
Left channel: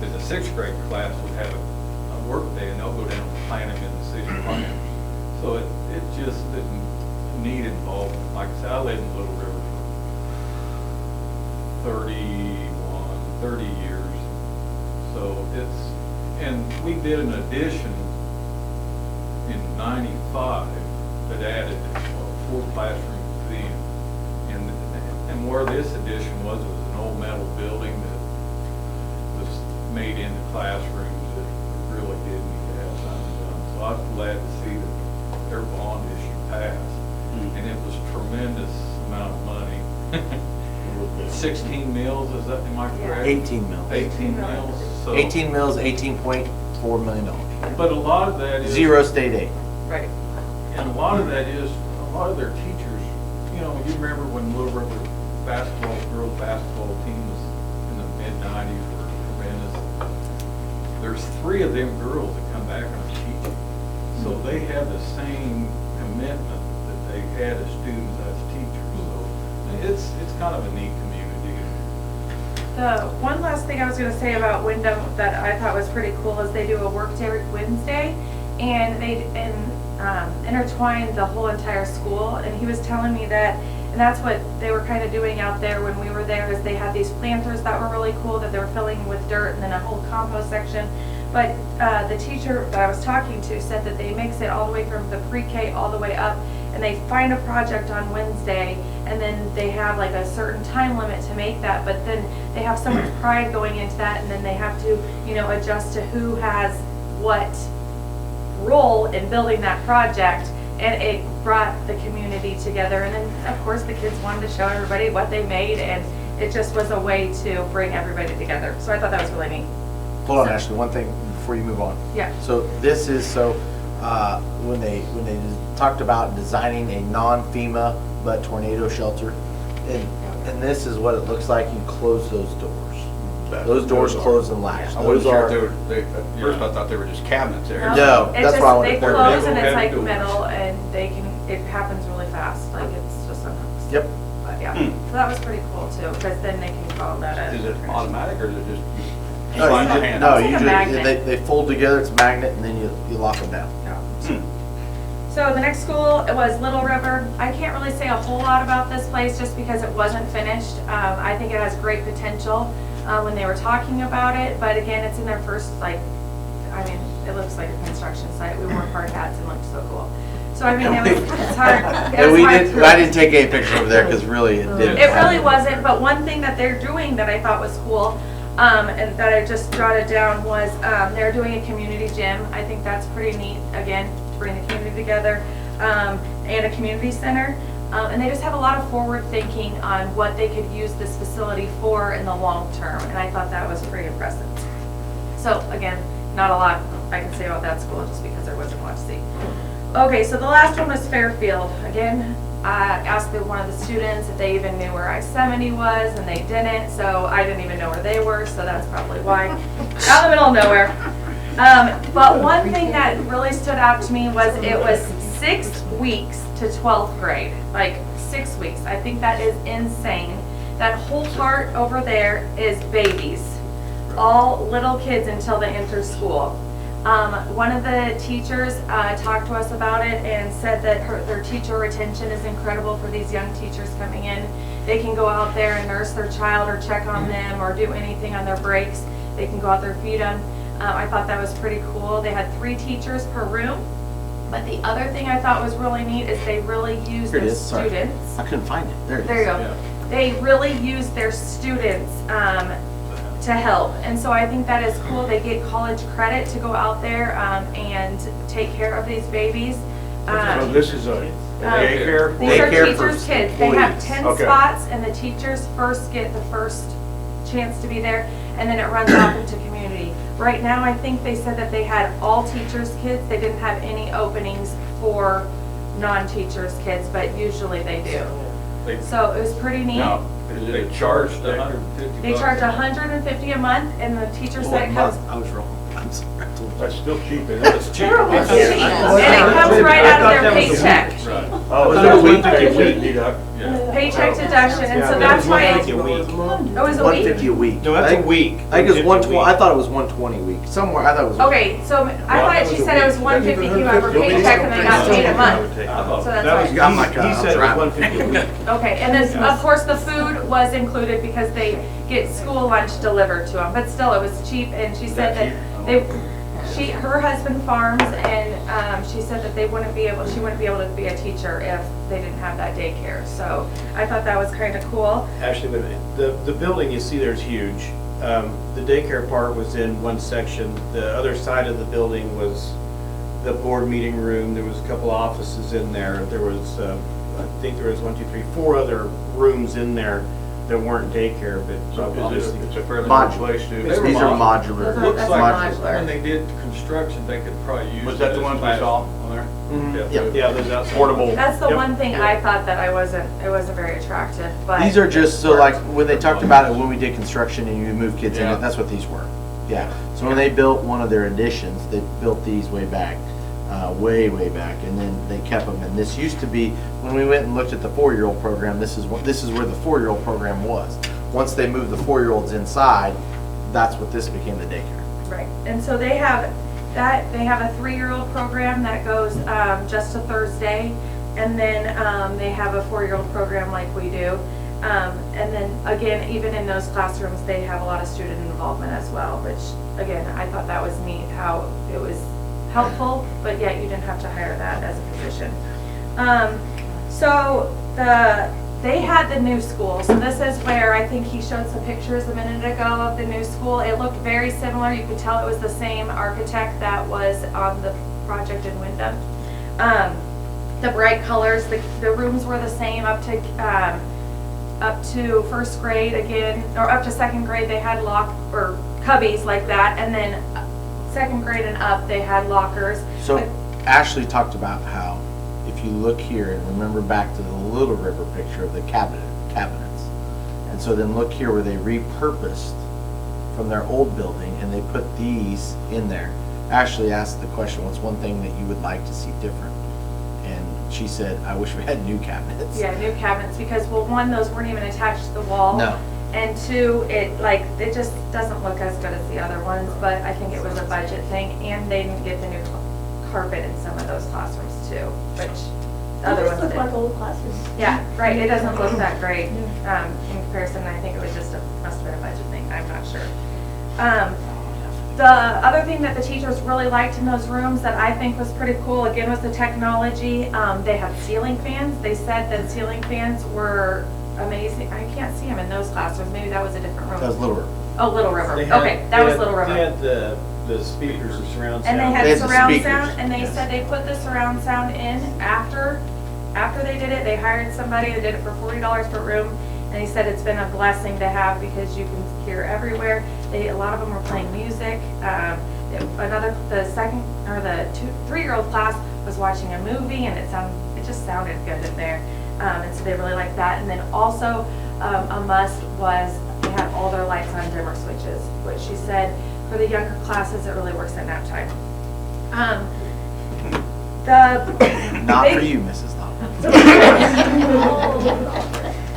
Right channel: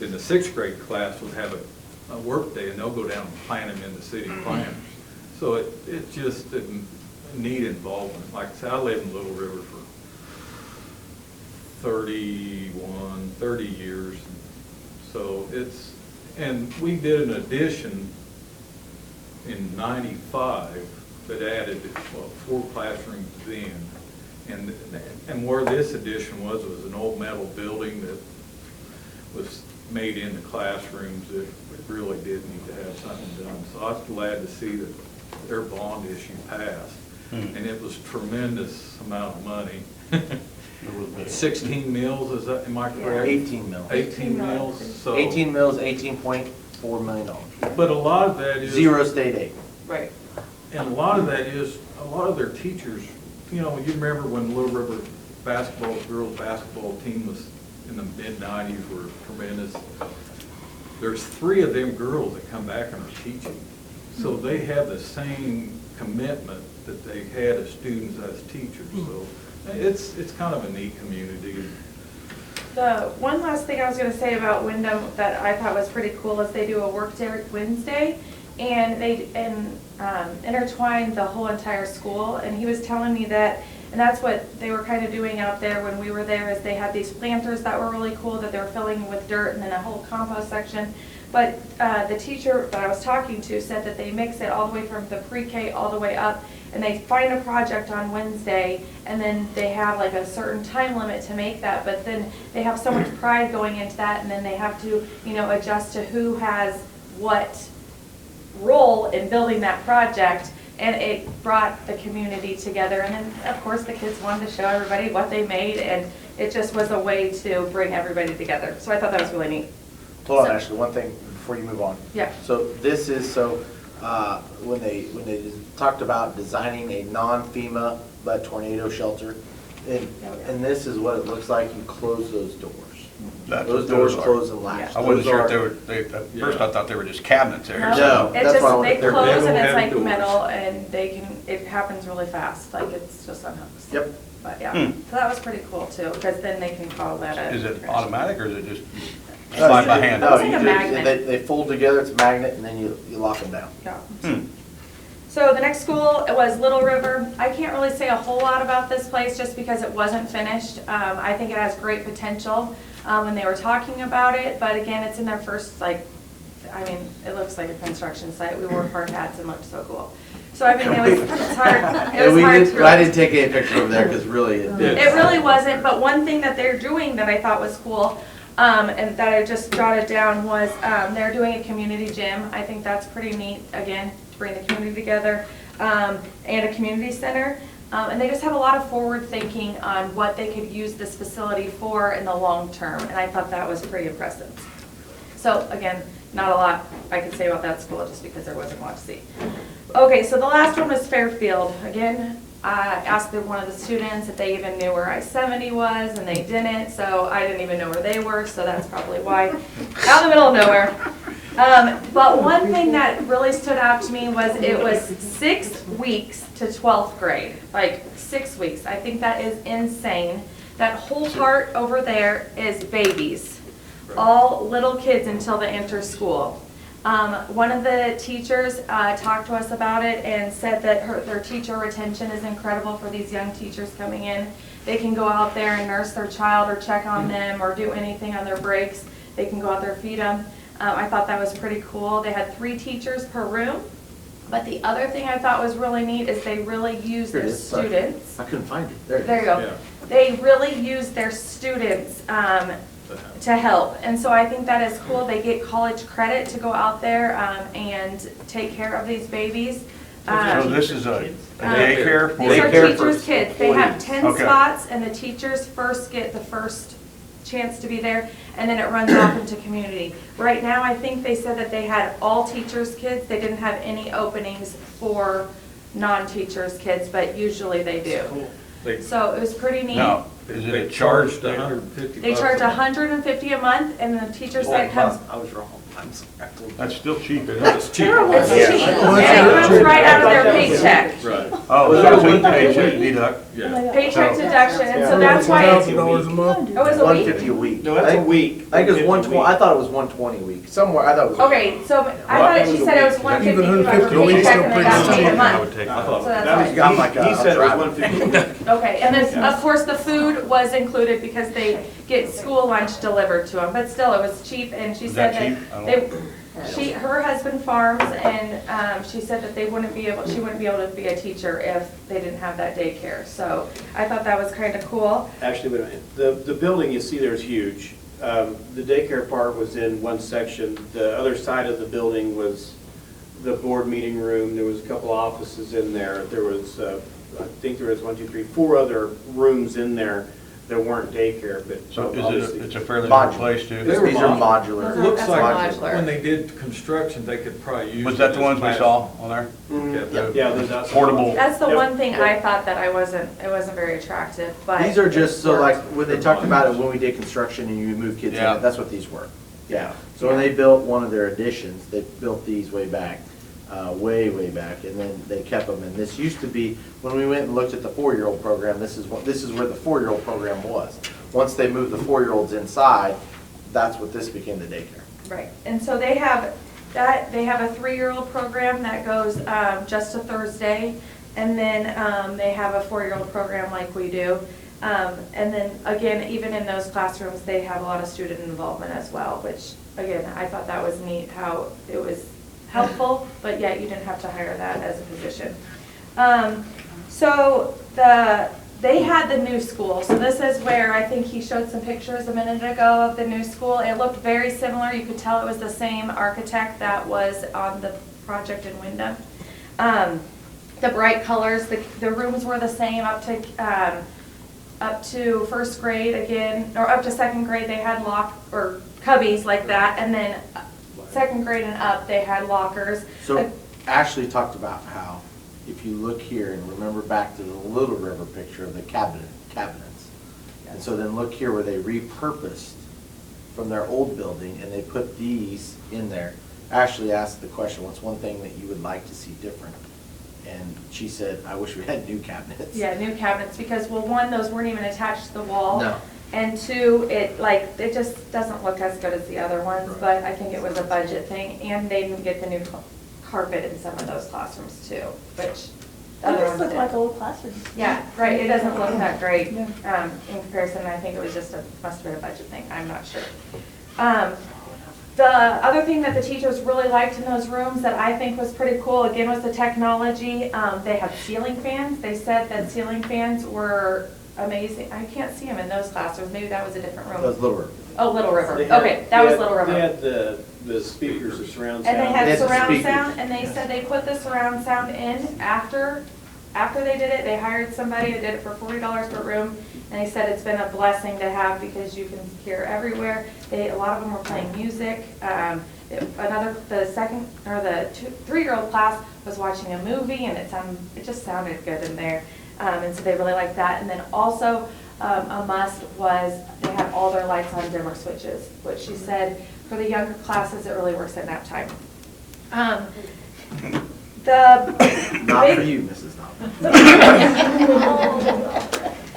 then the 6th grade class will have a work day, and they'll go down and plant them in the city planters. So it's just a neat involvement. Like I said, I live in Little River for 30 years. So and we did an addition in '95 that added 4 classrooms then. And where this addition was an old metal building that was made into classrooms that really did need to have something done. So I was glad to see that their bond issue passed. And it was tremendous amount of money. 16 mills, am I correct? 18 mils. 18 mills. So, 18 mils, $18.4 million. But a lot of that is. Zero state aid. Right. And a lot of that is, a lot of their teachers, you remember when Little River girls basketball team was in the mid-90s or tremendous. There's 3 of them girls that come back and are teaching. So they have the same commitment that they had as students as teachers. So it's kind of a neat community. The one last thing I was going to say about Wyndham that I thought was pretty cool is they do a work day every Wednesday, and they intertwine the whole entire school. And he was telling me that, and that's what they were kind of doing out there when we were there, is they had these planters that were really cool that they were filling with dirt, and then a whole compost section. But the teacher that I was talking to said that they mix it all the way from the pre-K all the way up, and they find a project on Wednesday, and then they have like a certain time limit to make that, but then they have so much pride going into that, and then they have to, adjust to who has what role in building that project, and it brought the community together. And then, of course, the kids wanted to show everybody what they made, and it just was a way to bring everybody together. So I thought that was really neat. Hold on, Ashley, one thing before you move on. Yeah. So this is, when they talked about designing a non-FEMA but tornado shelter, and this is what it looks like. You close those doors. Those doors close and latch. I wasn't Those sure are- if they were, at first I thought they were just cabinets there. No, It that's just, why I wanted they to- they're close and big it's like overhead doors. metal and they can, it happens really fast, like it's just unhooked. Yep. But yeah, Hmm. so that was pretty cool too, because then they can follow that up. Is it automatic or is it just No, slide by hand? No, It's like you a magnet. they fold together, it's a magnet, and then you lock them down. Yeah. Hmm. So the next school was Little River. I can't really say a whole lot about this place just because it wasn't finished. I think it has great potential when they were talking about it, but again, it's in their first, like, I mean, it looks like a construction site. We wore hard hats and looked so cool. So I mean, it's hard. And we didn't, I didn't take any pictures over there because really it didn't. It really wasn't, but one thing that they're doing that I thought was cool, and that I just jotted down was, they're doing a community gym. I think that's pretty neat, again, to bring the community together, and a community center. And they just have a lot of forward thinking on what they could use this facility for in the long term, and I thought that was pretty impressive. So again, not a lot I can say about that school just because there wasn't much to see. Okay, so the last one was Fairfield. Again, I asked one of the students if they even knew where I-70 was, and they didn't, so I didn't even know where they were, so that's probably why. Out in the middle of nowhere. But one thing that really stood out to me was it was 6 weeks to 12th grade, like 6 weeks. I think that is insane. That whole part over there is babies, all little kids until they enter school. One of the teachers talked to us about it and said that their teacher retention is incredible for these young teachers coming in. They can go out there and nurse their child or check on them or do anything on their breaks. They can go out there, feed them. I thought that was pretty cool. They had 3 teachers per room. But the other thing I thought was really neat is they really use Here it their is, sorry. students. I couldn't find it. There it is. There you go. Yeah. They really use their students to help. And so I think that is cool. They get college credit to go out there and take care of these babies. So this is a daycare? for- These are Daycare teachers' for kids. They have 10 Okay. spots and the teachers first get the first chance to be there and then it runs off into community. Right now, I think they said that they had all teachers' kids. They didn't have any openings for non-teachers' kids, but usually they do. They, So it was pretty neat. Now, is it they a charge? charged $150. They charge $150 a month and the teacher Oh, said it comes. I was wrong. I'm sorry. That's still cheap, isn't it? It's cheap. It's cheap, and it comes right out of their paycheck. Right, Oh, so it's a paycheck deduct? yeah. Paycheck deduction, and so that's why it $1,000 a month. was a One week. fifty a week. No, that's a week. I think it was 150 120, a week. I thought it was 120 a week, somewhere, I thought it was. Okay, so I thought she said it was 150 if you went for paycheck and they got paid a I month. would take that. So that's That was, right. I'm like, he said it I'm was 150 a week. Okay, and then, of course, the food was included because they get school lunch delivered to them, but still, it was cheap, and she said Is that cheap? that I don't- her husband farms, and she said that she wouldn't be able to be a teacher if they didn't have that daycare, so I thought that was kind of cool. Actually, wait a minute. The building you see there is huge. The daycare part was in one section. The other side of the building was the board meeting room. There was a couple offices in there. There was, I think there was 1, 2, 3, 4 other rooms in there that weren't daycare, but So obviously. it's a fairly Modular. good place to. These are modular. Those are- Looks That's like modular. when they did construction, they could probably use. Was that it the as ones we class- saw on there? Yep. Yeah, there's outside. Portable. That's the Yep, one thing yep. I thought that it wasn't very attractive, but. These are just, so like, when they talked about it, when we did construction and you move kids Yeah. in, that's what these were. Yeah, so when they built one of their additions, they built these way back, way back, and then they kept them. And this used to be, when we went and looked at the 4-year-old program, this is where the 4-year-old program was. Once they moved the 4-year-olds inside, that's what this became, the daycare. Right, and so they have a 3-year-old program that goes just to Thursday, and then they have a 4-year-old program like we do. And then, again, even in those classrooms, they have a lot of student involvement as well, which, again, I thought that was neat, how it was helpful, but yet you didn't have to hire that as a position. So they had the new school, so this is where, I think he showed some pictures a minute ago of the new school. It looked very similar, you could tell it was the same architect that was on the project in Wyndham. The bright colors, the rooms were the same up to first grade again, or up to second grade, they had or cubbies like that, and then second grade and up, they had lockers. So But- Ashley talked about how, if you look here and remember back to the Little River picture of the cabinets, and so then look here where they repurposed from their old building, and they put these in there. Ashley asked the question, what's one thing that you would like to see different? And she said, I wish we had new cabinets. Yeah, new cabinets, because, well, one, those weren't even attached to the wall. No. And two, it just doesn't look as good as the other ones, but I think it was a budget thing, and they didn't get the new carpet in some of those classrooms too, which the other ones look like did. old classes. Yeah, right, it doesn't look that great, in comparison, I think it was just must have been a budget thing, I'm not sure. The other thing that the teachers really liked in those rooms that I think was pretty cool, again, was the technology. They had ceiling fans. They said that ceiling fans were amazing. I can't see them in those classrooms. Maybe that was a different room. That was Little River. Oh, Little River. They had- Okay, that was they Little had- River. They had the speakers, the surround sound. And they They had had the surround speakers. sound, and they said they put the surround sound in after they did it. They hired somebody that did it for $40 per room, and they said it's been a blessing to have because you can hear everywhere. A lot of them were playing music. The second or the 3-year-old class was watching a movie, and it just sounded good in there, and so they really liked that. And then also a must was they had all their lights on dimmer switches, which she said for the younger classes it really works at nap time. Not for you, Mrs. Knopf.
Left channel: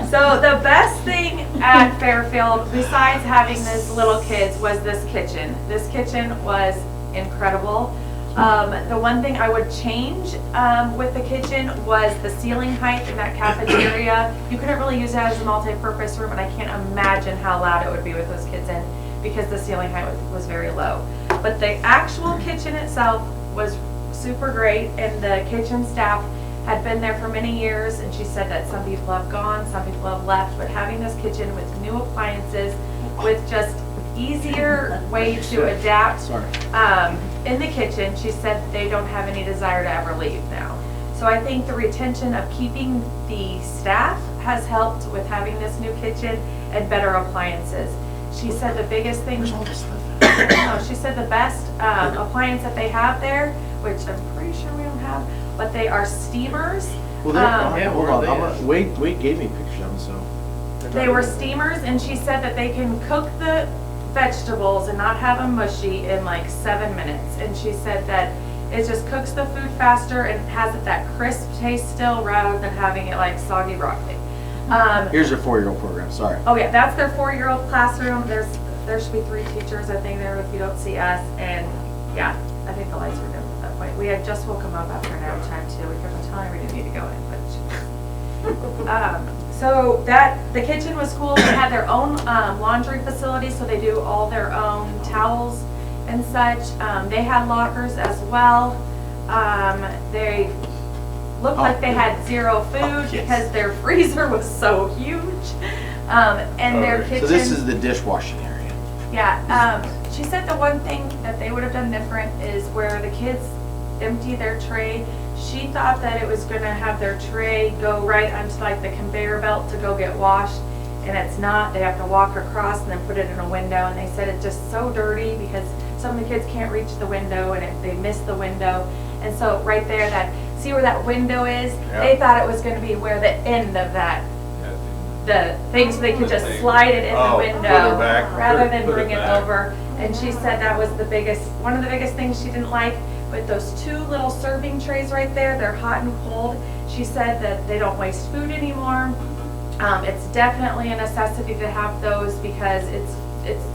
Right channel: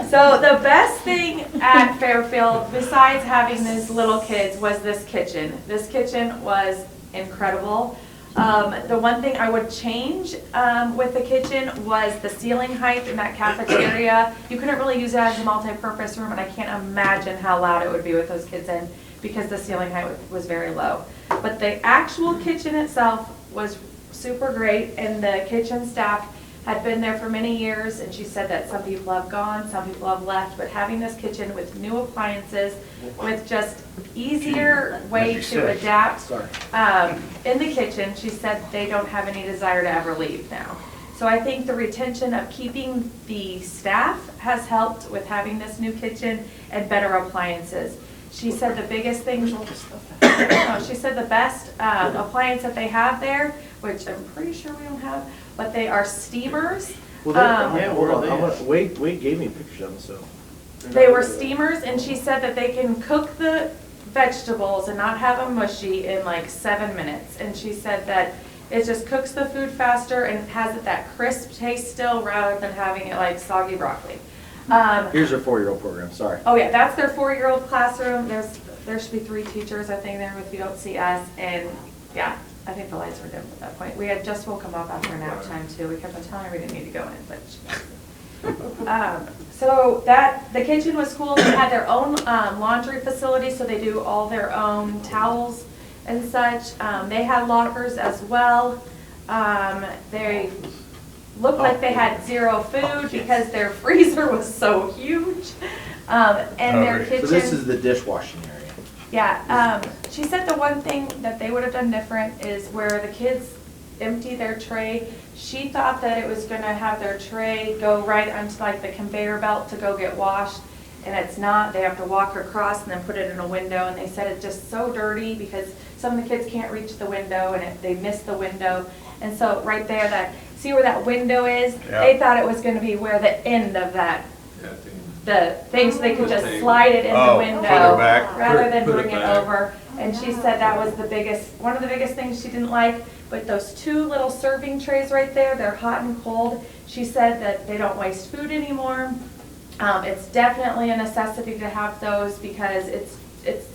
So the best thing at Fairfield, besides having these little kids, was this kitchen. This kitchen was incredible. The one thing I would change with the kitchen was the ceiling height in that cafeteria. You couldn't really use it as a multi-purpose room, and I can't imagine how loud it would be with those kids in because the ceiling height was very low. But the actual kitchen itself was super great, and the kitchen staff had been there for many years, and she said that some people have gone, some people have left, but having this kitchen with new appliances, with just easier way to adapt Sorry. in the kitchen, she said they don't have any desire to ever leave now. So I think the retention of keeping the staff has helped with having this new kitchen and better appliances. She said the biggest thing, no, she said the best appliance that they have there, which I'm pretty sure we don't have, but they are steamers. Well, Yeah, hold where on, are they at? Wade gave me pictures of them, so. They were steamers, and she said that they can cook the vegetables and not have them mushy in like 7 minutes. And she said that it just cooks the food faster and it has that crisp taste still rather than having it like soggy broccoli. Here's your 4-year-old program, sorry. Oh yeah, that's their 4-year-old classroom. There should be 3 teachers, I think, there if you don't see us. And yeah, I think the lights were dim at that point. We had just woke them up after nap time too. We kept on telling her we didn't need to go in, but so the kitchen was cool. They had their own laundry facility, so they do all their own towels and such. They had lockers as well. They looked like they had zero food because their freezer was so huge. And their kitchen. So this is the dishwashing area. Yeah, she said the one thing that they would have done different is where the kids empty their tray. She thought that it was gonna have their tray go right onto like the conveyor belt to go get washed, and it's not. They have to walk across and then put it in a window, and they said it's just so dirty because some of the kids can't reach the window and they miss the window. And so right there, see where that window is? Yeah. They thought it was gonna be where the end of the thing, so they could just slide it in the Oh, window put it back. rather than Put it bring it back. over. And she said that was one of the biggest things she didn't like with those 2 little serving trays right there. They're hot and cold. She said that they don't waste food anymore. It's definitely a necessity to have those because it's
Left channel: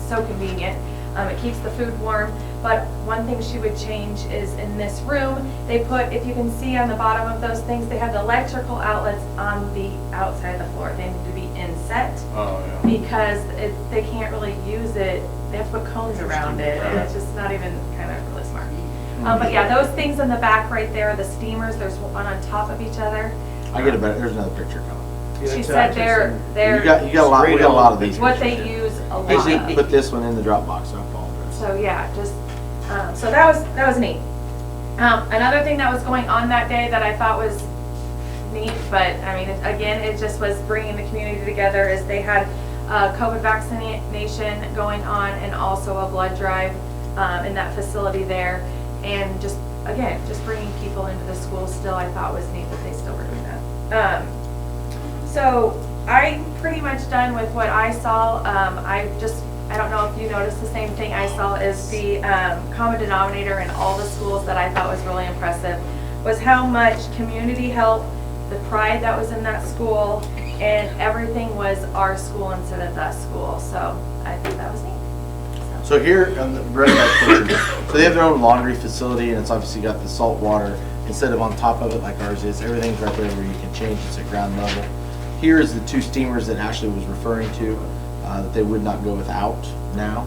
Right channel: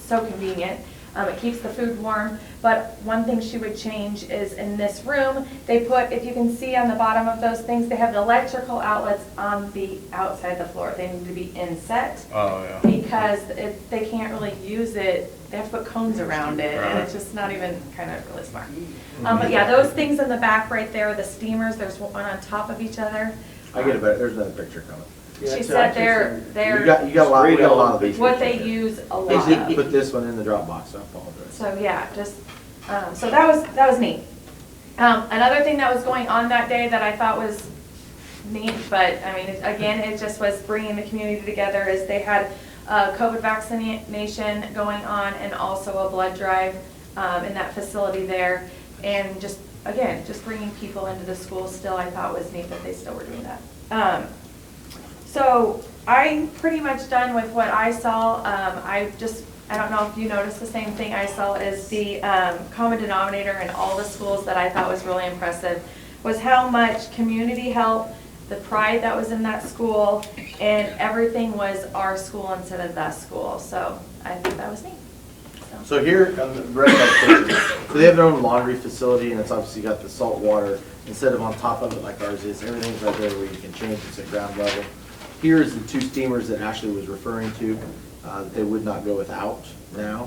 so convenient. It keeps the food warm. But one thing she would change is in this room, they put, if you can see on the bottom of those things, they have the electrical outlets on the outside of the floor. They need to be inset Oh, yeah. because they can't really use it. They have to put cones around it, and it's just not even kind of really smart. But yeah, those things in the back right there, the steamers, there's one on top of each other. There's another picture coming. Yeah, She it's said actually they're You got a lot, we got a lot of these. what they pictures, yeah. use a lot Hey, of. put this one in the Dropbox, I apologize. So yeah, just, so that was neat. Another thing that was going on that day that I thought was neat, but I mean, again, it just was bringing the community together, is they had COVID vaccination going on and also a blood drive in that facility there. And just, again, just bringing people into the school still, I thought was neat that they still were doing that. So I'm pretty much done with what I saw. I just I don't know if you noticed the same thing I saw, is the common denominator in all the schools that I thought was really impressive was how much community help, the pride that was in that school, and everything was our school instead of that school. So I think that was neat. So here on the very next picture, so they have their own laundry facility, and it's obviously got the salt water instead of on top of it like ours is. Everything's right there where you can change. It's at ground level. Here's the 2 steamers that Ashley was referring to that they would not go without now.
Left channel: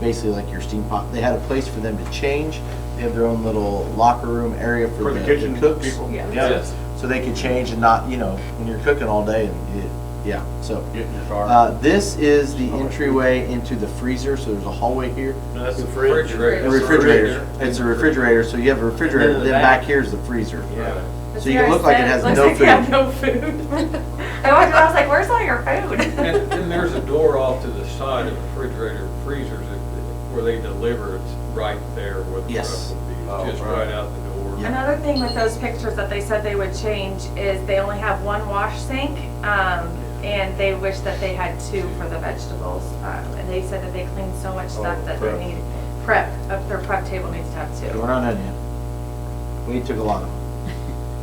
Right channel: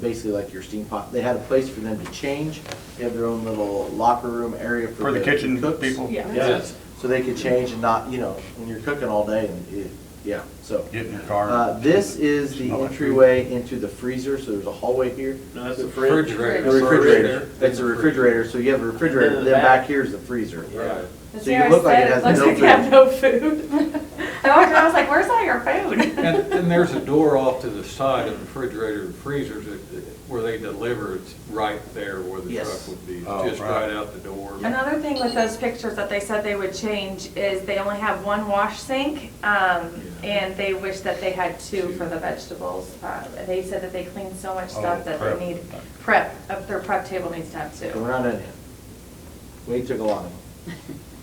Basically like your steam pot. They had a place for them to change. They have their own little locker room area For the kitchen cooks. people? Yeah. Yes. So they could change and not, you know, when you're cooking all day, yeah, so. Get in your car. This is the entryway into the freezer, so there's a hallway here. No, that's the fridge. Refrigerator. A That's the refrigerator, it's a refrigerator, so you have a refrigerator, And then then the back back. here is the freezer. Yeah. But So see, you I look like said it has looks no like you have no food. I walked in, I was like, where's all your food? And there's a door off to the side of the refrigerator and freezers where they deliver. It's right there where the Yes. truck will be, Oh, just right. right out the door. Another thing with those pictures that they said they would change is they only have 1 wash sink, and they wish that they had 2 for the vegetables. And they said that they clean so much stuff Oh, that prep. they need prep, their prep table needs to have 2. We're not done yet. We took a lot of them.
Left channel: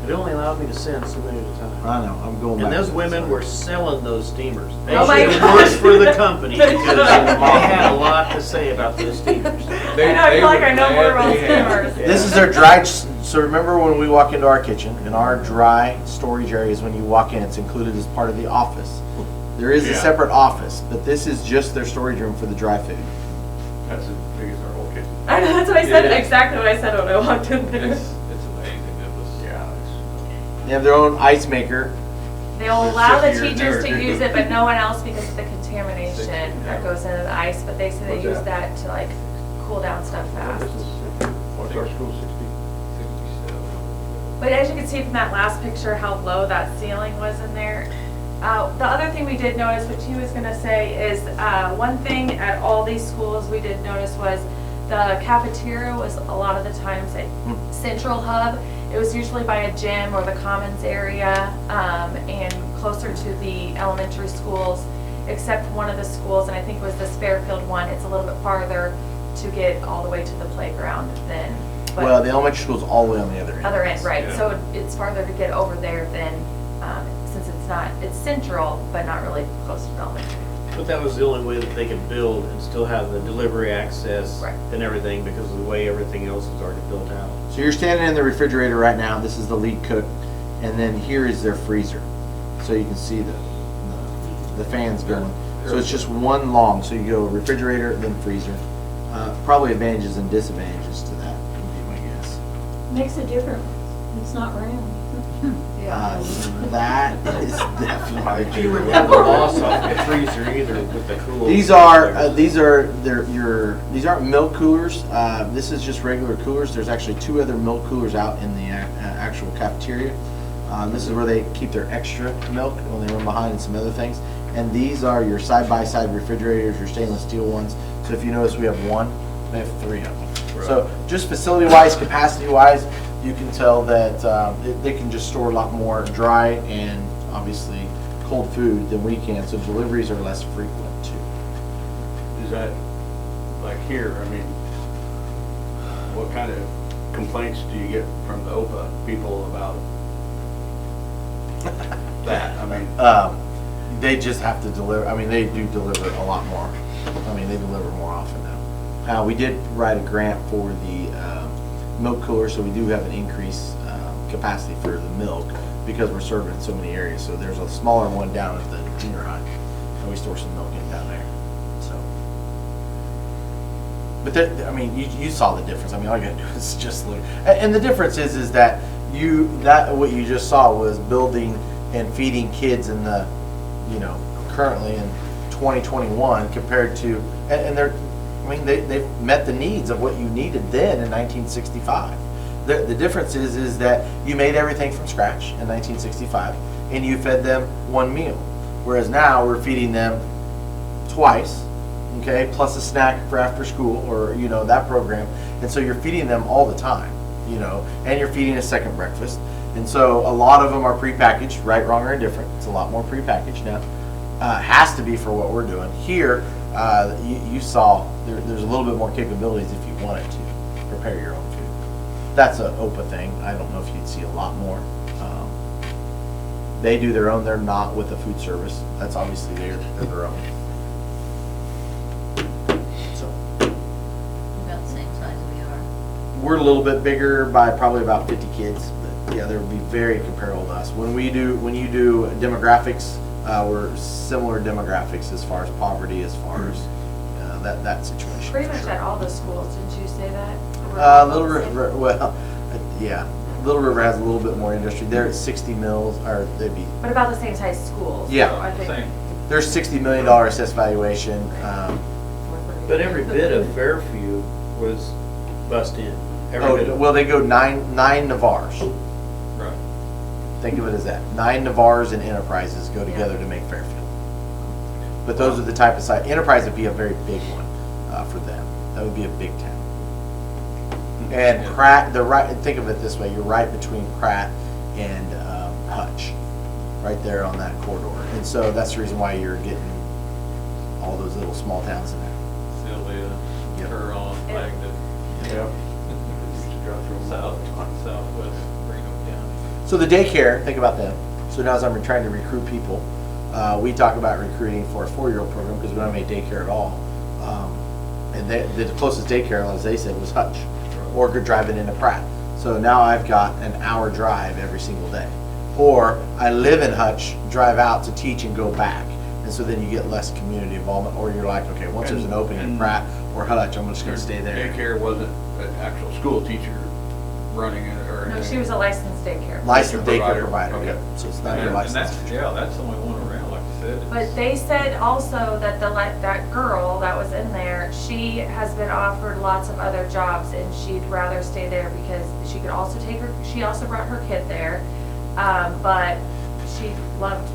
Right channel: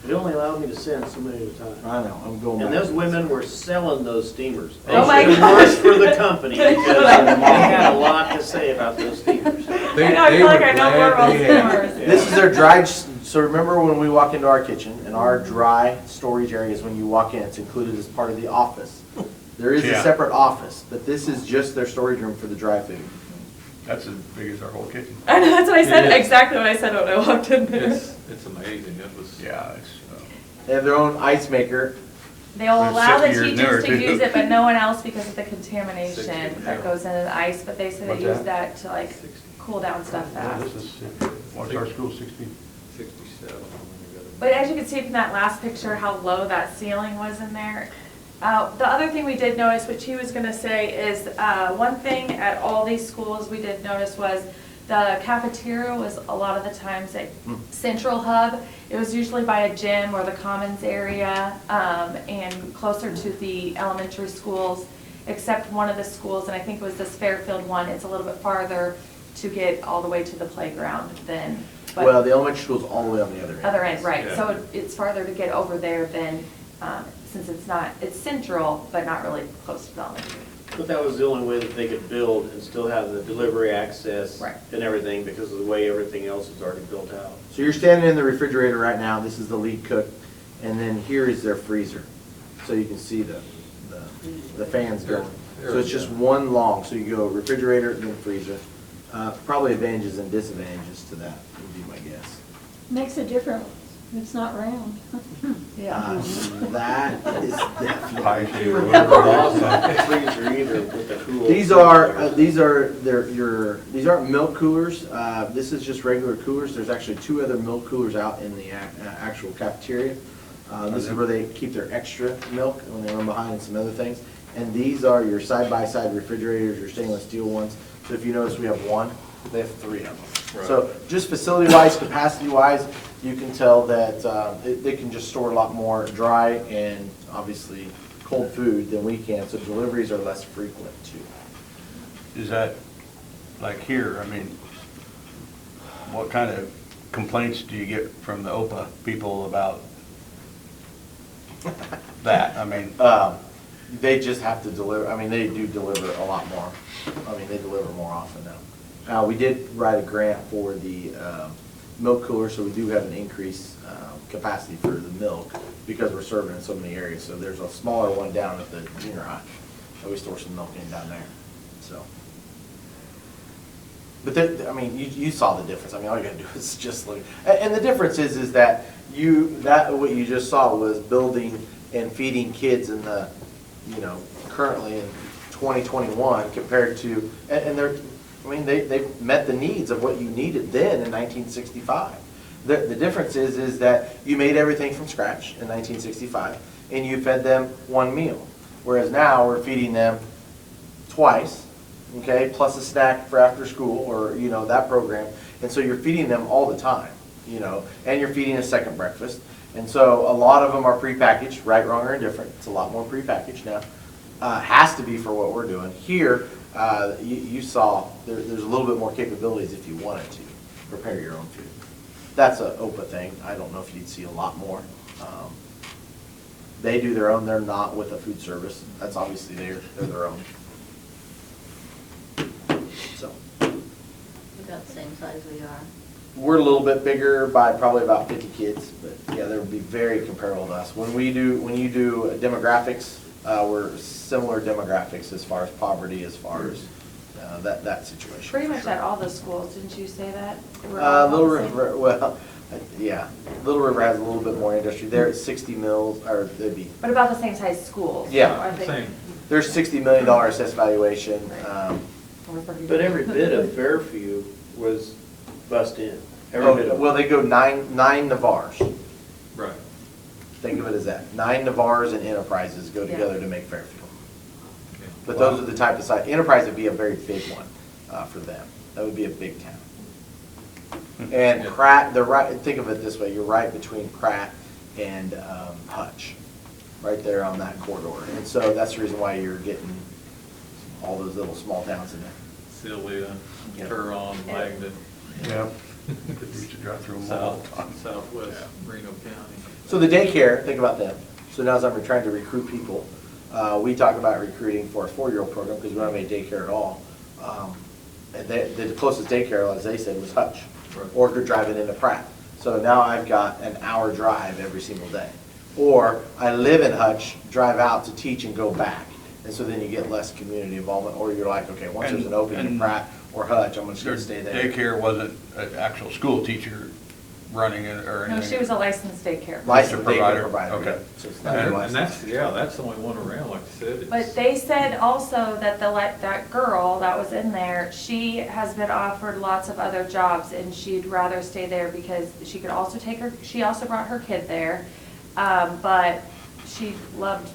It only allowed me to send so many at a time. I know, I'm going back. And those women were selling those steamers. They Oh my should have gosh. worked for the company They because should. they had a lot to say about those steamers. I know, I feel like I know more about steamers. This is their dried, so remember when we walk into our kitchen, in our dry storage areas, when you walk in, it's included as part of the office. There is a Yeah. separate office, but this is just their storage room for the dry food. That's as big as our whole kitchen. I know, that's what I said, Yeah. exactly what I said when I walked in there. It's amazing. It was. Yeah, They have their own ice maker. They'll There's allow the 60 years teachers there, to too. use it, but no one else because of the 60, contamination that yeah. goes into the ice, but they say they What's use that? that to like cool down stuff fast. This is, what's our school, 60? 67. But as you can see from that last picture, how low that ceiling was in there. The other thing we did notice, which he was gonna say, is one thing at all these schools we did notice was the cafeteria was a lot of the times a central hub. It was usually by a gym or the commons area, and closer to the elementary schools, except one of the schools, and I think it was this Fairfield one, it's a little bit farther to get all the way to the playground than. but- Well, the elementary school's all the way on the other end. Other end, right, Yeah. so it's farther to get over there than, since it's central, but not really close to the elementary. But that was the only way that they could build and still have the delivery access Right. and everything because of the way everything else is already built out. So you're standing in the refrigerator right now, this is the lead cook, and then here is their freezer. So you can see the fans going. So it's just one long, so you go refrigerator, then freezer. Probably advantages and disadvantages to that, would be my guess. Makes it different. It's not round. That is definitely. You would have the boss off the freezer either with the cool. These aren't milk coolers. This is just regular coolers. There's actually 2 other milk coolers out in the actual cafeteria. This is where they keep their extra milk when they run behind and some other things. And these are your side-by-side refrigerators, your stainless steel ones. So if you notice, we have 1, they have 3 of them. So just facility-wise, capacity-wise, you can tell that they can just store a lot more dry and obviously cold food than we can. So deliveries are less frequent too. Is that, like here, I mean, what kind of complaints do you get from the OPA people about that? I mean, They just have to deliver, I mean, they do deliver a lot more. I mean, they deliver more often now. We did write a grant for the milk cooler, so we do have an increased capacity for the milk because we're serving in so many areas. So there's a smaller one down at the junior high, so we store some milk in down there, so. But I mean, you saw the difference. I mean, all you gotta do is just look. And the difference is that what you just saw was building and feeding kids in the, currently in 2021 compared to, and they're, I mean, they've met the needs of what you needed then in 1965. The difference is that you made everything from scratch in 1965 and you fed them one meal. Whereas now we're feeding them twice, okay, plus a snack for after school or, that program. And so you're feeding them all the time, and you're feeding a second breakfast. And so a lot of them are prepackaged, right, wrong, or indifferent. It's a lot more prepackaged now. Has to be for what we're doing. Here, you saw, there's a little bit more capabilities if you wanted to prepare your own food. That's a OPA thing. I don't know if you'd see a lot more. They do their own. They're not with the food service. That's obviously they're their own. So About the same size we are. we're a little bit bigger by probably about 50 kids, but yeah, they'll be very comparable to us. When you do demographics, we're similar demographics as far as poverty, as far as that situation. Pretty for much sure. at all the schools, didn't you say that? Little River, well, yeah, Little River has a little bit more industry. They're at 60 mils, or they'd be, What about the same size schools? Yeah. I think. Same. there's $60 million assessed valuation. But every bit of Fairview was bust in. Every bit of it. Well, they go nine Navars. Right. Think of it as that. 9 Navars and Enterprises go Yeah. together to make Fairfield. But those are the type of site. Enterprise would be a very big one for them. That would be a big town. And Pratt, think of it this way, you're right between Pratt and Hutch, right there on that corridor. And so that's the reason why you're getting all those little small towns in there. Sylvia, Yep. Huron, Langdon, Yeah. Southwest Reno County. So the daycare, think about them. So now as I'm trying to recruit people, we talk about recruiting for a 4-year-old program because we don't have any daycare at all. And the closest daycare, as they said, was Hutch, or you're driving into Pratt. So now I've got an hour drive every single day. Or I live in Hutch, drive out to teach and go back. And so then you get less community involvement, or you're like, okay, once there's an opening in Pratt or Hutch, I'm just gonna stay there. Daycare wasn't an actual school teacher running it or anything? No, she was a licensed daycare. Licensed daycare Provider. provider, Okay. yeah. So it's not And your that's, license. yeah, that's the only one around, like I said. But they said also that that girl that was in there, she has been offered lots of other jobs and she'd rather stay there because she could also she also brought her kid there. But she loved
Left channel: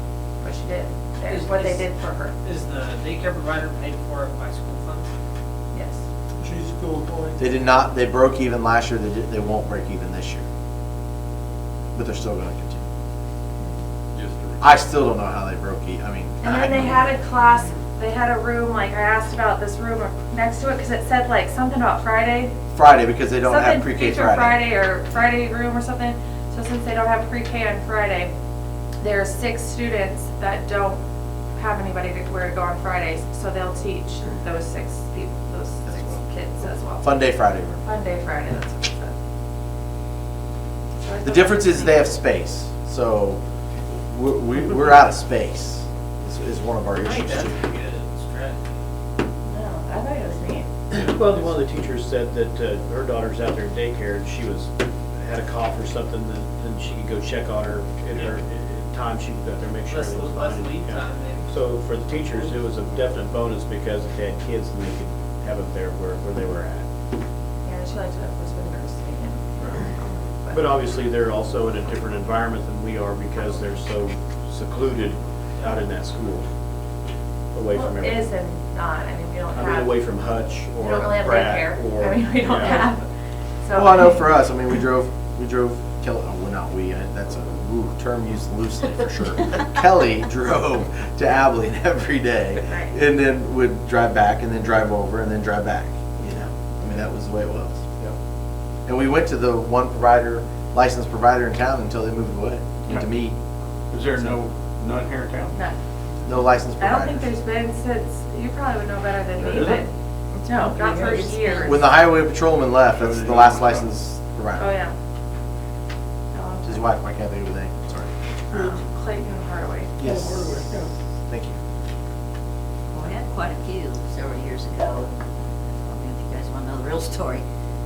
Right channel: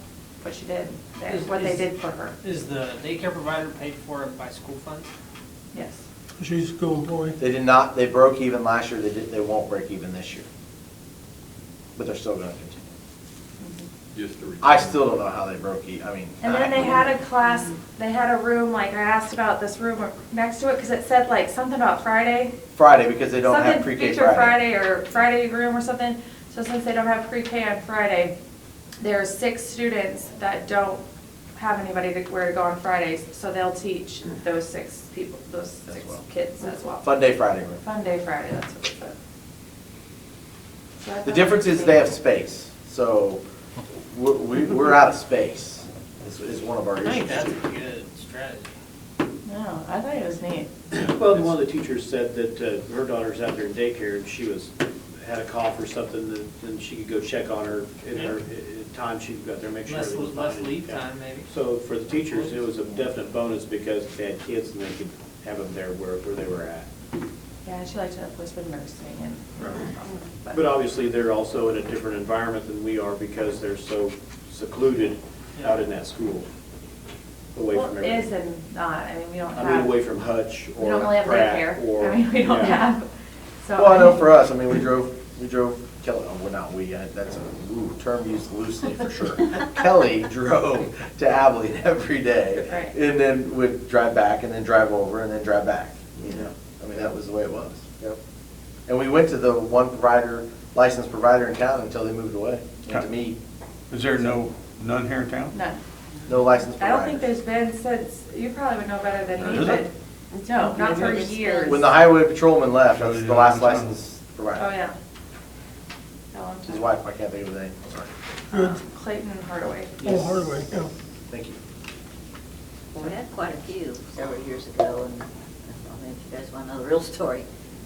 what she did there, what they did for her. Is the daycare provider paid for it by school funds? Yes. She's a school employee. They did not, they broke even last year, they won't break even this year. But they're still gonna continue. Just to- I still don't know how they broke even, I mean. And then they had a class, they had a room, like I asked about this room next to it, because it said like something about Friday. Friday, because they don't have Something pre-K Future Friday. Friday or Friday room or something. So since they don't have pre-K on Friday, there are 6 students that don't have anybody where to go on Fridays. So they'll teach those 6 people, those 6 kids as well. Fun Day Friday room. Fun Day Friday, that's what it said. So I The thought difference that was is they have space, so we're out of space, is one of our I think issues that's a too. good strategy. No, I thought it was neat. Well, one of the teachers said that her daughter's out there in daycare, and she had a cough or something, and she could go check on her in her time she could go out there and make sure Less, everything was less fine. lead Yeah. time maybe. So for the teachers, it was a definite bonus because if they had kids, and they could have them there where they were at. Yeah, she liked it was when we were sitting in. But obviously, they're also in a different environment than we are because they're so secluded out in that school, away Well, from it is everything. and not, I mean, we don't I have. mean, away from Hutch We or don't really have Pratt daycare. or. I mean, we don't yeah. have, so. Well, I know for us, I mean, we drove Kelly, well, not we, that's a term used loosely for sure. Kelly drove to Abilene every day Right. and then would drive back and then drive over and then drive back, you know? I mean, that was the way it was. And we went to the one licensed provider in town until they moved away, went to me, Is there none here in town? None. no licensed I provider. don't think there's been since, you probably would know better than me, Is but, it? no, not for It's been- years. When the highway patrolman left, that's the last licensed provider. Oh, yeah. A long His time. wife, I can't think of his name, sorry. Clayton Hardaway. Yes. Hardaway, yeah. Thank you. Well, we had quite a few several years ago, and I don't know if you guys want to know the real story.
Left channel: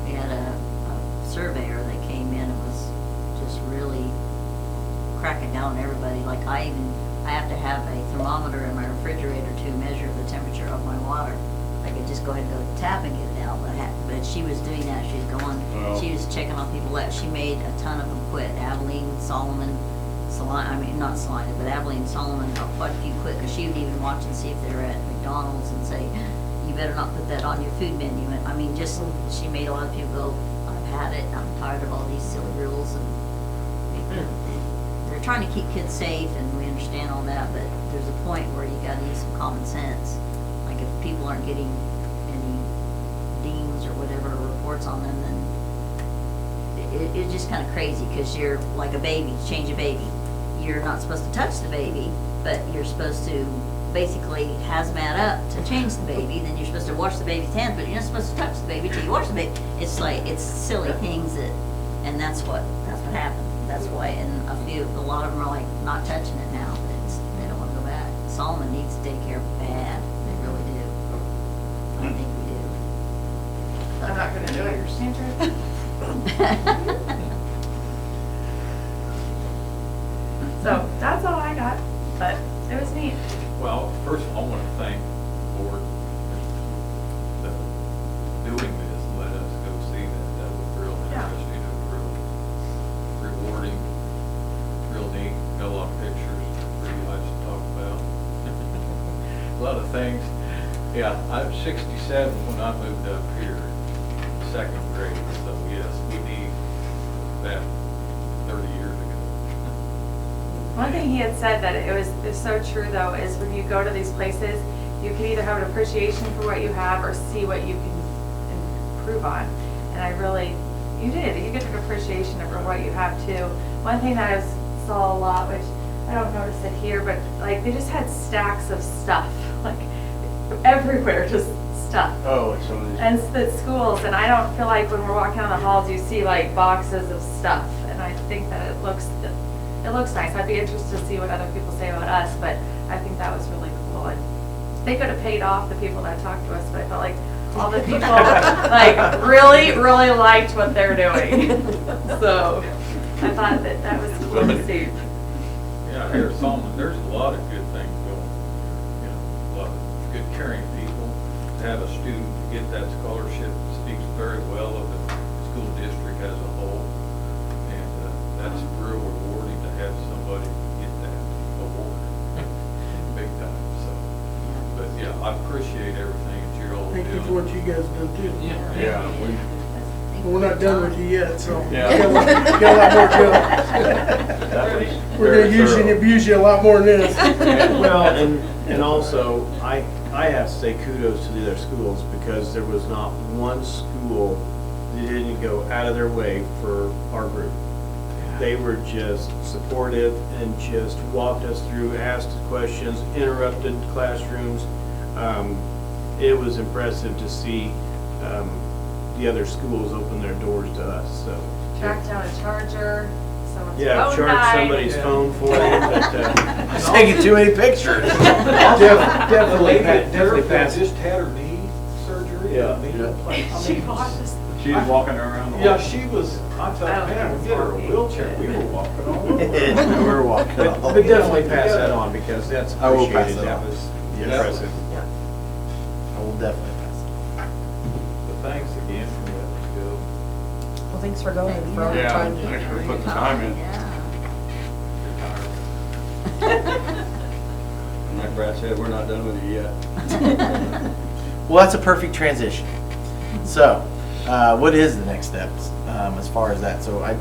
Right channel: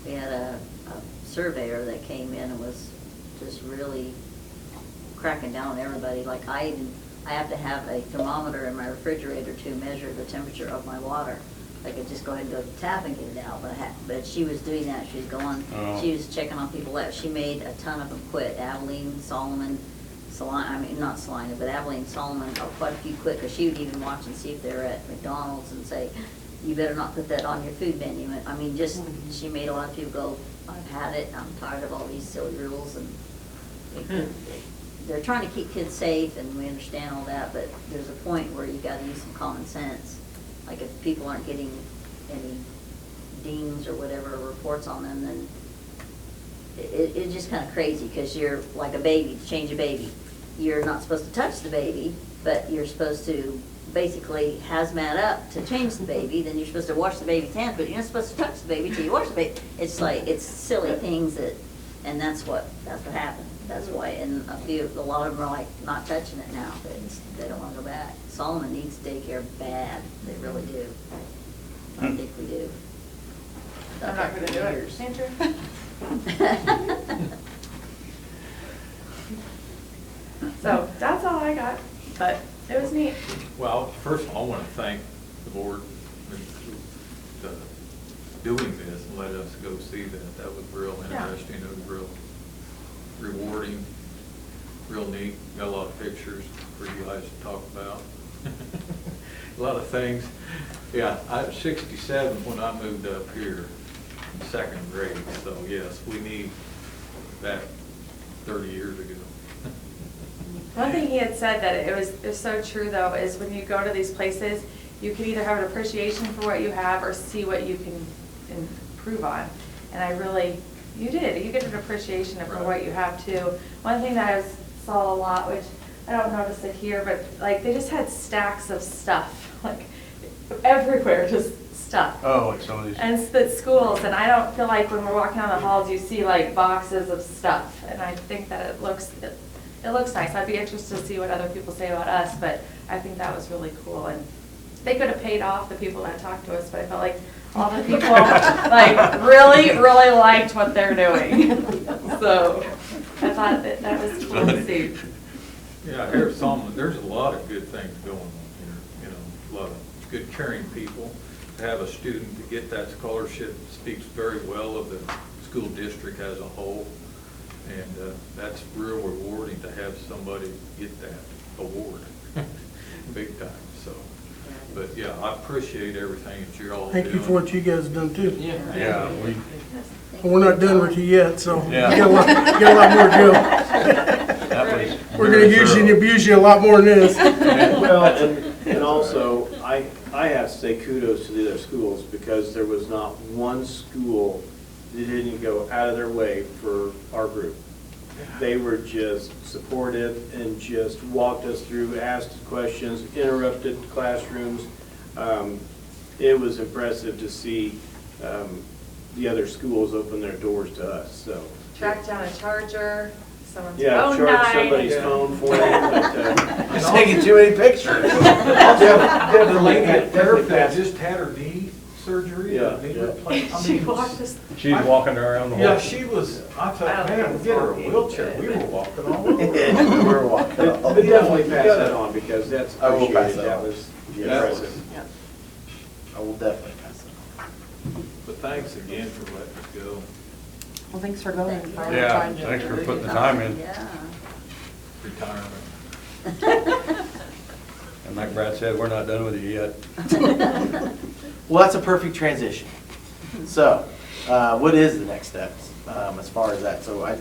We had a surveyor that came in and was just really cracking down on everybody. Like I have to have a thermometer in my refrigerator to measure the temperature of my water. I could just go ahead and go to the tap and get it out, but she was doing that. She was going, she was checking on people that she made a ton of them quit. Abilene, Solomon, not Salina, but Abilene, Solomon, quite a few quit, because she would even watch and see if they're at McDonald's and say, you better not put that on your food menu. I mean, just, she made a lot of people go, I've had it, I'm tired of all these silly rules, and they're trying to keep kids safe, and we understand all that, that, but there's a point where you gotta use some common sense. Like if people aren't getting any dings or whatever, reports on them, then it's just kinda crazy, cause you're like a baby, change a baby. You're not supposed to touch the baby, but you're supposed to basically hazmat up to change the baby, then you're supposed to wash the baby's hands, but you're not supposed to touch the baby till you wash the baby. It's like, it's silly things that, and that's what happened. That's why, and a lot of them are like not touching it now, but they don't wanna go back. Solomon needs daycare bad, they really do. I think we do. I'm not gonna do it. So that's all I got, but it was neat. Well, first of all, I want to thank the board for doing this, and let us go see that. That was real Yeah. interesting and real rewarding, real neat. Got a lot of pictures for you guys to talk about. A lot of things. Yeah, I was 67 when I moved up here, second grade, so yes, we need that 30 years ago. One thing he had said that it was so true though, is when you go to these places, you can either have an appreciation for what you have or see what you can improve on. And I really, you did, you get an appreciation for what you have too. One thing that I saw a lot, which I don't notice it here, but like they just had stacks of stuff, like everywhere, just stuff. Oh, it's some of these. And it's the schools, and I don't feel like when we're walking down the halls, you see like boxes of stuff. And I think that it looks nice. I'd be interested to see what other people say about us, but I think that was really cool. And they could have paid off the people that talked to us, but I felt like all the people like really, really liked what they're doing. So I thought that was cool to see. Yeah, here at Solomon, there's a lot of good things going here, you know, a lot of good caring people. To have a student to get that scholarship speaks very well of the school district as a whole. And that's real rewarding to have somebody get that award, big time, so. But yeah, I appreciate everything that you're all doing. Thank you for what you guys done too. Yeah, Well, we're not done with you yet, so we Yeah. got a lot more to go. We're gonna use you and abuse you a lot more than this. Well, and also, I have to say kudos to the other schools, because there was not one school that didn't go out of their way for our group. They were just supportive and just walked us through, asked questions, interrupted classrooms. It was impressive to see the other schools open their doors to us, so. Track down a charger, someone's Yeah, phone charge died. somebody's phone for them, but It's taking too many pictures. The lady at definitely Fairfield passed. just had her knee surgery, Yeah. knee replacement. She walked us. she's walking around. Yeah, she was, I thought, man, get her a wheelchair, we were walking all over. We're walking. But definitely pass that on, because that's I will pass appreciated. it That on. was Yes. impressive. I will definitely pass it. But thanks again for letting us go. Well, thanks for going. for all the Yeah, time. thanks for putting the time in. Yeah. Retirement. And like Brad said, we're not done with you yet. Well, that's a perfect transition. So, what is the next steps as far as that? So, a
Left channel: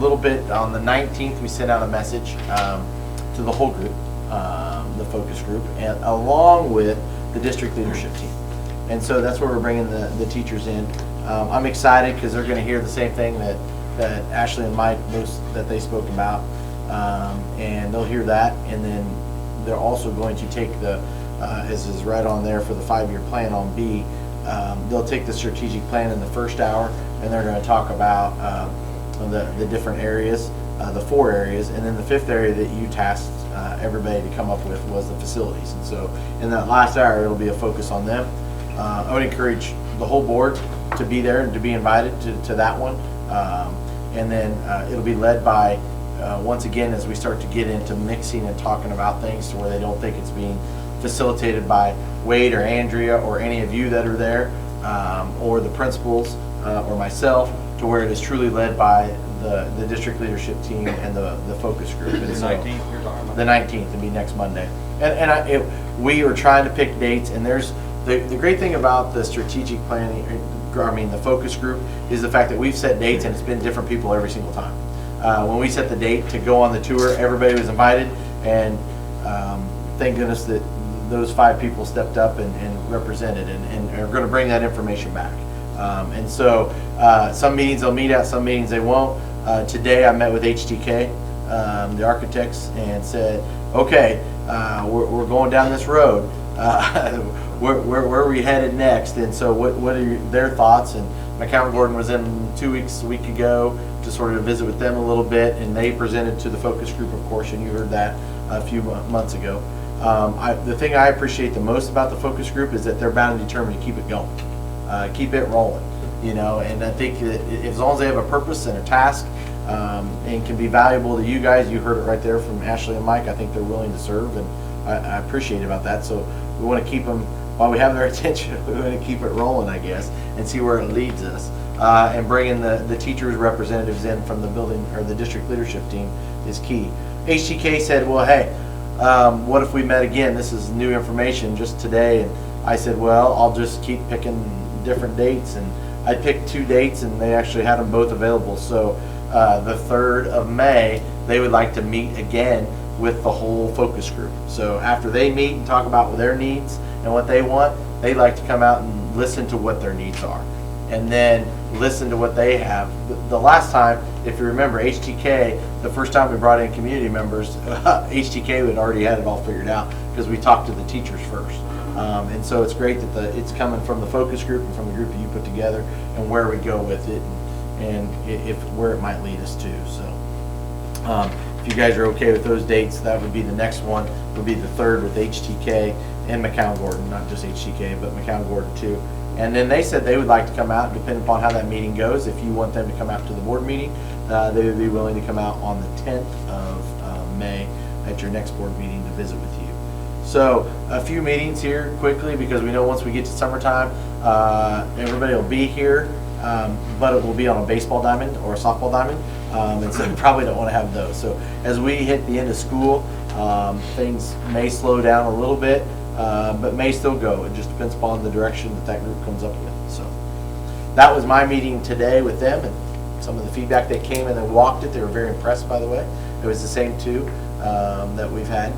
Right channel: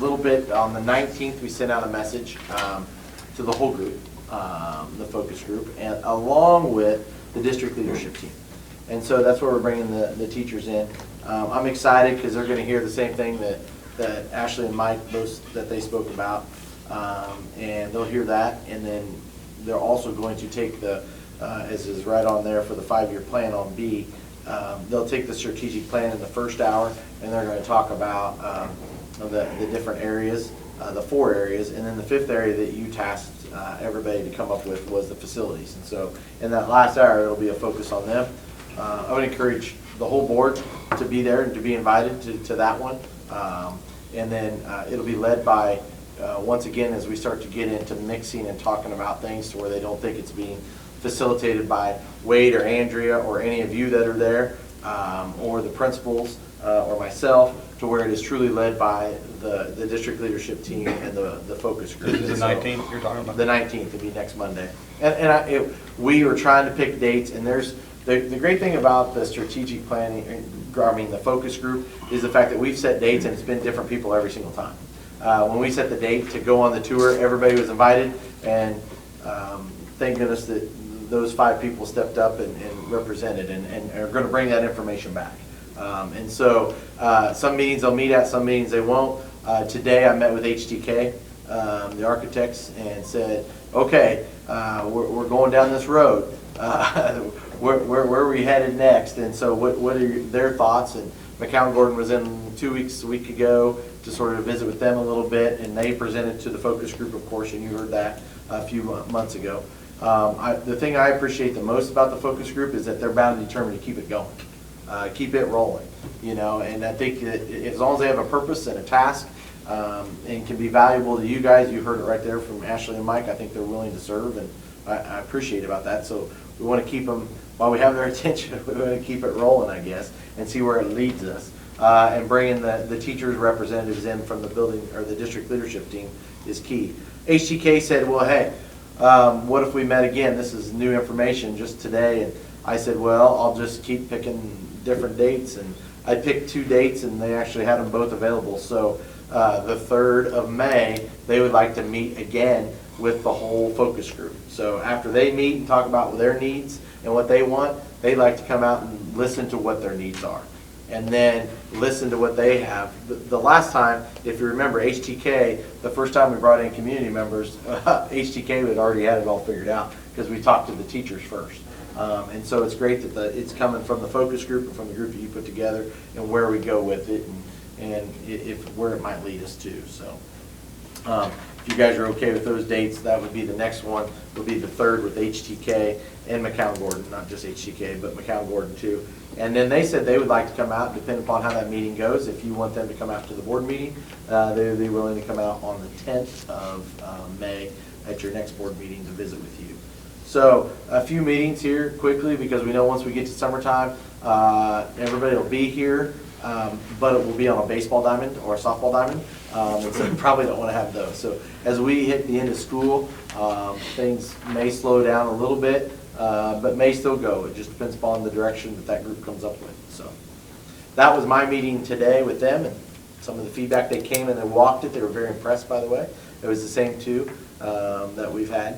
little bit on the 19th, we sent out a message to the whole group, the focus group, and along with the district leadership team. And so that's where we're bringing the teachers in. I'm excited because they're going to hear the same thing that Ashley and Mike, that they spoke about, and they'll hear that, and then they're also going to take as is right on there for the 5-year plan on B, they'll take the strategic plan in the first hour, and they're going to talk about the different areas, the 4 areas, and then the 5th area that you tasked everybody to come up with was the facilities. And so in that last hour, it'll be a focus on them. I would encourage the whole board to be there and to be invited to that one. And then it'll be led by, once again, as we start to get into mixing and talking about things to where they don't think it's being facilitated by Wade or Andrea or any of you that are there, or the principals or myself, to where it is truly led by the district leadership team and the focus group. The 19th you're talking about? The 19th will be next Monday. And we are trying to pick dates, and there's, the great thing about the strategic planning, the focus group, is the fact that we've set dates and it's been different people every single time. When we set the date to go on the tour, everybody was invited, and thank goodness that those 5 people stepped up and represented and are gonna bring that information back. And so, some meetings they'll meet at, some meetings they won't. Today I met with HTK, the architects, and said, okay, we're going down this road. Where are we headed next? And so what are their thoughts? And McCown Gordon was in 2 weeks, a week ago, to sort of visit with them a little bit, and they presented to the focus group, of course, and you heard that a few months ago. The thing I appreciate the most about the focus group is that they're bound and determined to keep it going, keep it rolling, you know, and I think that as long as they have a purpose and a task, and can be valuable to you guys, you heard it right there from Ashley and Mike, I think they're willing to serve, and I appreciate about that. So we want to keep them, while we have their attention, we want to keep it rolling, I guess, and see where it leads us. And bringing the teachers' representatives in from the building, or the district leadership team, is key. HTK said, well, hey, what if we met again? This is new information just today. And I said, well, I'll just keep picking different dates. And I picked 2 dates, and they actually had them both available. So the 3rd of May, they would like to meet again with the whole focus group. So after they meet and talk about their needs and what they want, they'd like to come out and listen to what their needs are, and then listen to what they have. The last time, if you remember, HTK, the first time we brought in community members, HTK had already had it all figured out, because we talked to the teachers first. And so it's great that it's coming from the focus group and from the group that you put together, and where we go with it, and if where it might lead us to. So if you guys are okay with those dates, that would be the next one. Would be the 3rd with HTK and McCown Gordon, not just HTK, but McCown Gordon too. And then they said they would like to come out, depending upon how that meeting goes. If you want them to come out to the board meeting, they would be willing to come out on the 10th of May at your next board meeting to visit with you. So a few meetings here quickly, because we know once we get to summertime, everybody will be here, but it will be on a baseball diamond or a softball diamond. And so you probably don't want to have those. So as we hit the end of school, things may slow down a little bit, but may still go. It just depends upon the direction that group comes up with. So that was my meeting today with them, and some of the feedback they came in and walked it. They were very impressed, by the way. It was the same 2 that we've had.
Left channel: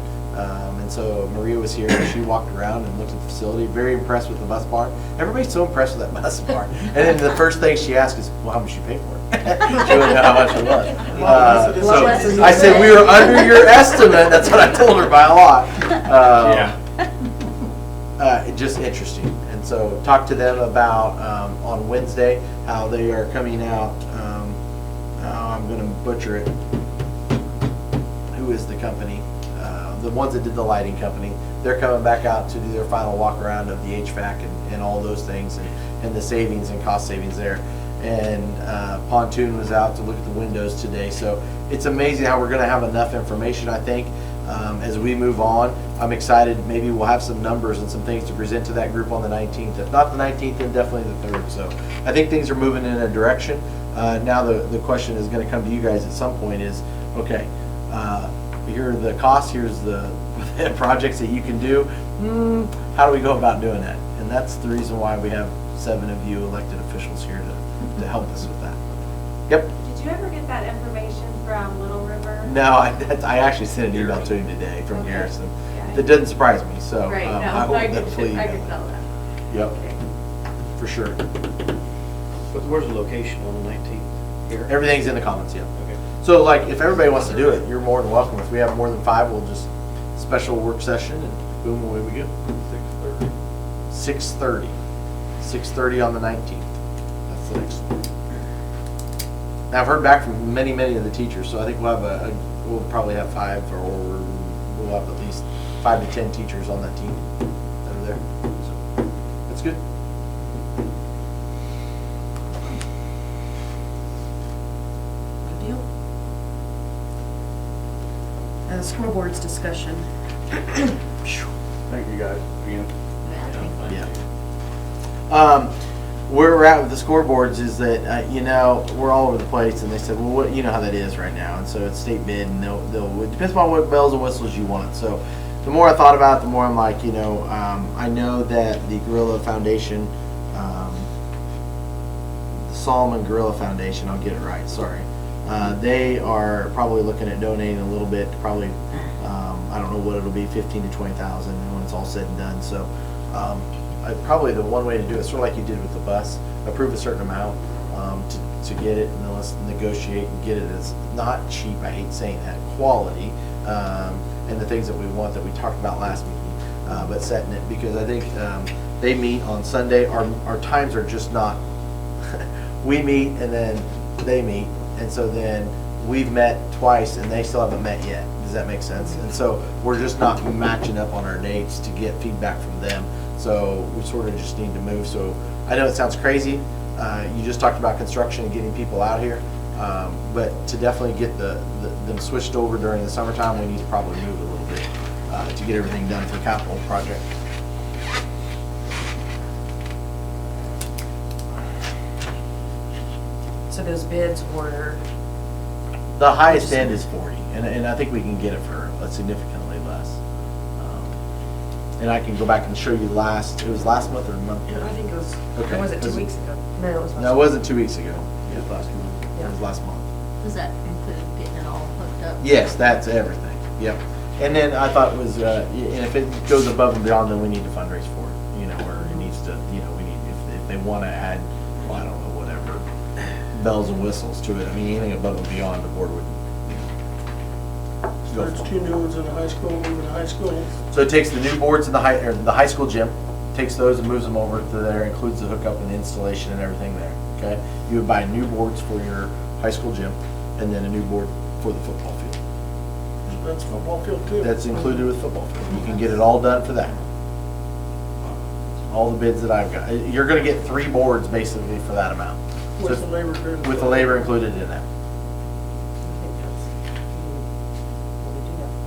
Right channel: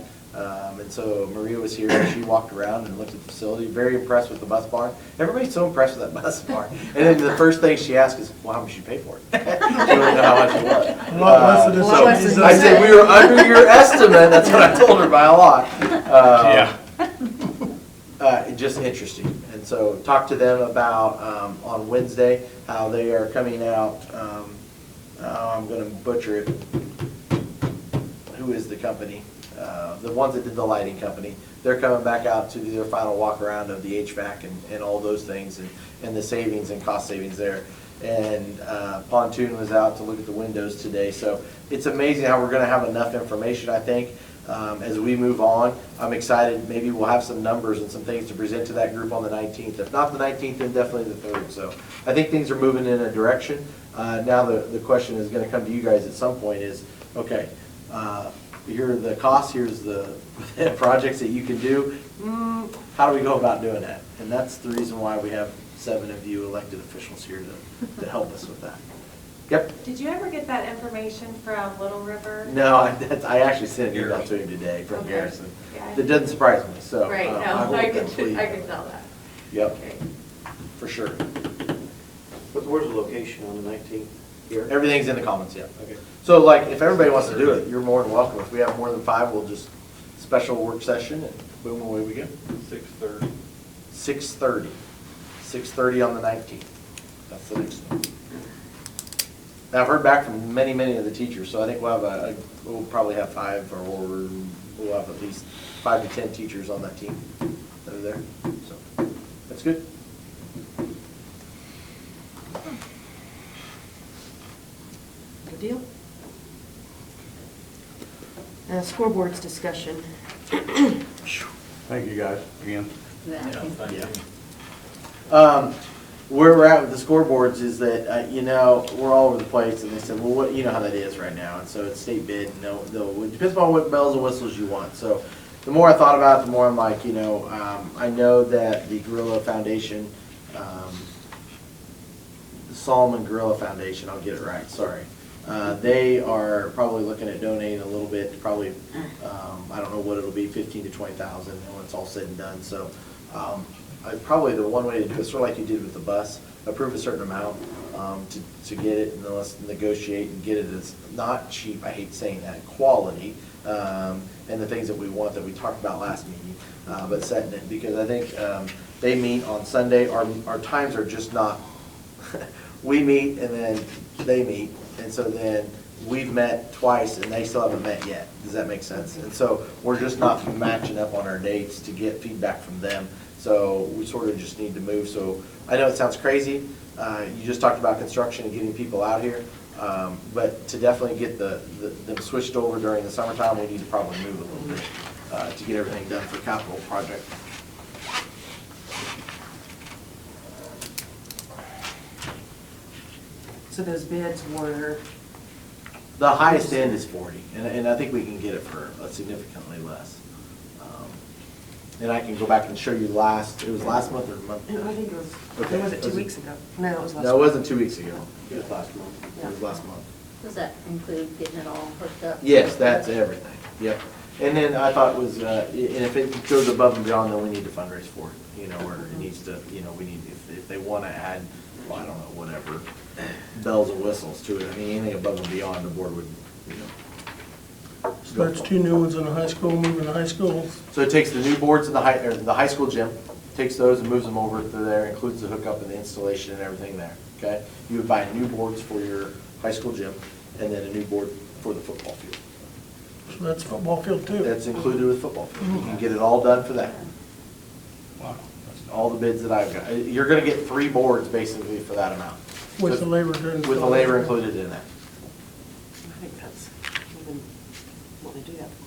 And so Maria was here, and she walked around and looked at the facility, very impressed with the bus barn. Everybody's so impressed with that bus barn. And then the first thing she asked is, well, how much you pay for it? She didn't know how much it was. So I said, we were under your estimate. That's what I told her, by a lot. Just interesting. And so talked to them about on Wednesday how they are coming out. I'm going to butcher it. Who is the company? The ones that did the lighting company. They're coming back out to do their final walk around of the HVAC and all those things, and the savings and cost savings there. And Pontoon was out to look at the windows today. So it's amazing how we're going to have enough information, I think, as we move on. I'm excited. Maybe we'll have some numbers and some things to present to that group on the 19th. If not the 19th, then definitely the 3rd. So I think things are moving in a direction. Now the question is going to come to you guys at some point is, okay, here are the costs, here's the projects that you can do. How do we go about doing that? And that's the reason why we have 7 of you elected officials here to help us with that. Yep. Did you ever get that information from Little River? No, I actually sent an email to him today from Garrison. Yeah. It doesn't surprise me, so Right, no, I will I definitely. can tell that. Yep, for sure. But where's the location on the 19th? Here? Everything's in the comments, yeah. Okay. So like, if everybody wants to do it, you're more than welcome. If we have more than 5, we'll just special work session and boom, away we go. 6:30. 6:30. 6:30 on the 19th. That's the next one. Now, I've heard back from many of the teachers, so I think we'll have we'll probably have 5 or we'll have at least 5 to 10 teachers on that team that are there. So that's good. Good deal. Scoreboards discussion. Thank you, guys, again. Yeah. Where we're at with the scoreboards is that, we're all over the place, and they said, well, what, you know how that is right now, and so it's state bid, and it depends upon what bells and whistles you want. So the more I thought about it, the more I'm like, I know that the Gorilla Foundation, the Solomon Gorilla Foundation, I'll get it right, sorry, They are probably looking at donating a little bit, probably, I don't know what it'll be, 15 to 20,000 when it's all said and done. So probably the one way to do it, sort of like you did with the bus, approve a certain amount to get it, and then let's negotiate and get it as not cheap, I hate saying that, quality, and the things that we want that we talked about last meeting, but setting it, because I think they meet on Sunday. Our times are just not, we meet and then they meet, and so then we've met twice and they still haven't met yet. Does that make sense? And so we're just not matching up on our dates to get feedback from them. So we sort of just need to move. So I know it sounds crazy. You just talked about construction and getting people out here. But to definitely get them switched over during the summertime, we need to probably move a little bit to get everything done for capital project. So those bids were, The highest end is 40, and I think we can get it for significantly less. And I can go back and show you it was last month or a month? I think it was, Okay. was it 2 weeks ago? No, it was last. No, it wasn't 2 weeks ago. Yeah, last month. It was last month. Does that include getting it all hooked up? Yes, that's everything, yep. And then I thought it was, if it goes above and beyond, then we need to fundraise for it, where it needs to, we need, if they want to add, well, I don't know, whatever, bells and whistles to it, I mean, anything above and beyond, the board would, So there's 2 new ones in the high school, moving to high school. So it takes the new boards in the high school gym, takes those and moves them over to there, includes the hookup and the installation and everything there, okay? You would buy new boards for your high school gym, and then a new board for the football field. So that's football field too. That's included with football field. You can get it all done for that. All the bids that I've got. You're gonna get 3 boards basically for that amount. What's the labor doing? With the labor included in that. I think that's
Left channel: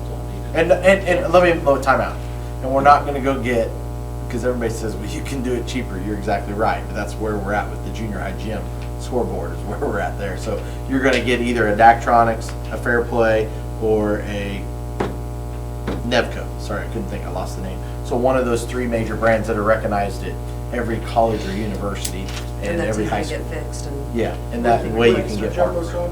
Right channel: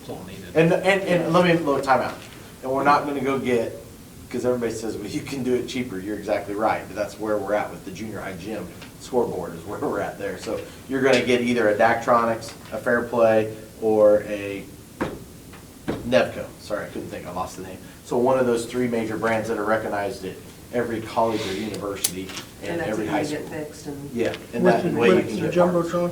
what we do. And let me time out. And we're not gonna go get, because everybody says, well, you can do it cheaper. You're exactly right. But that's where we're at with the junior high gym. Scoreboard is where we're at there. So you're gonna get either a Daktronics, a Fair Play, or a Nevco. Sorry, I couldn't think, I lost the name. So one of those 3 major brands that are recognized at every college or university and that's every how high you school. get fixed and. Yeah, and that way you can It's a get jumbo parts. truck.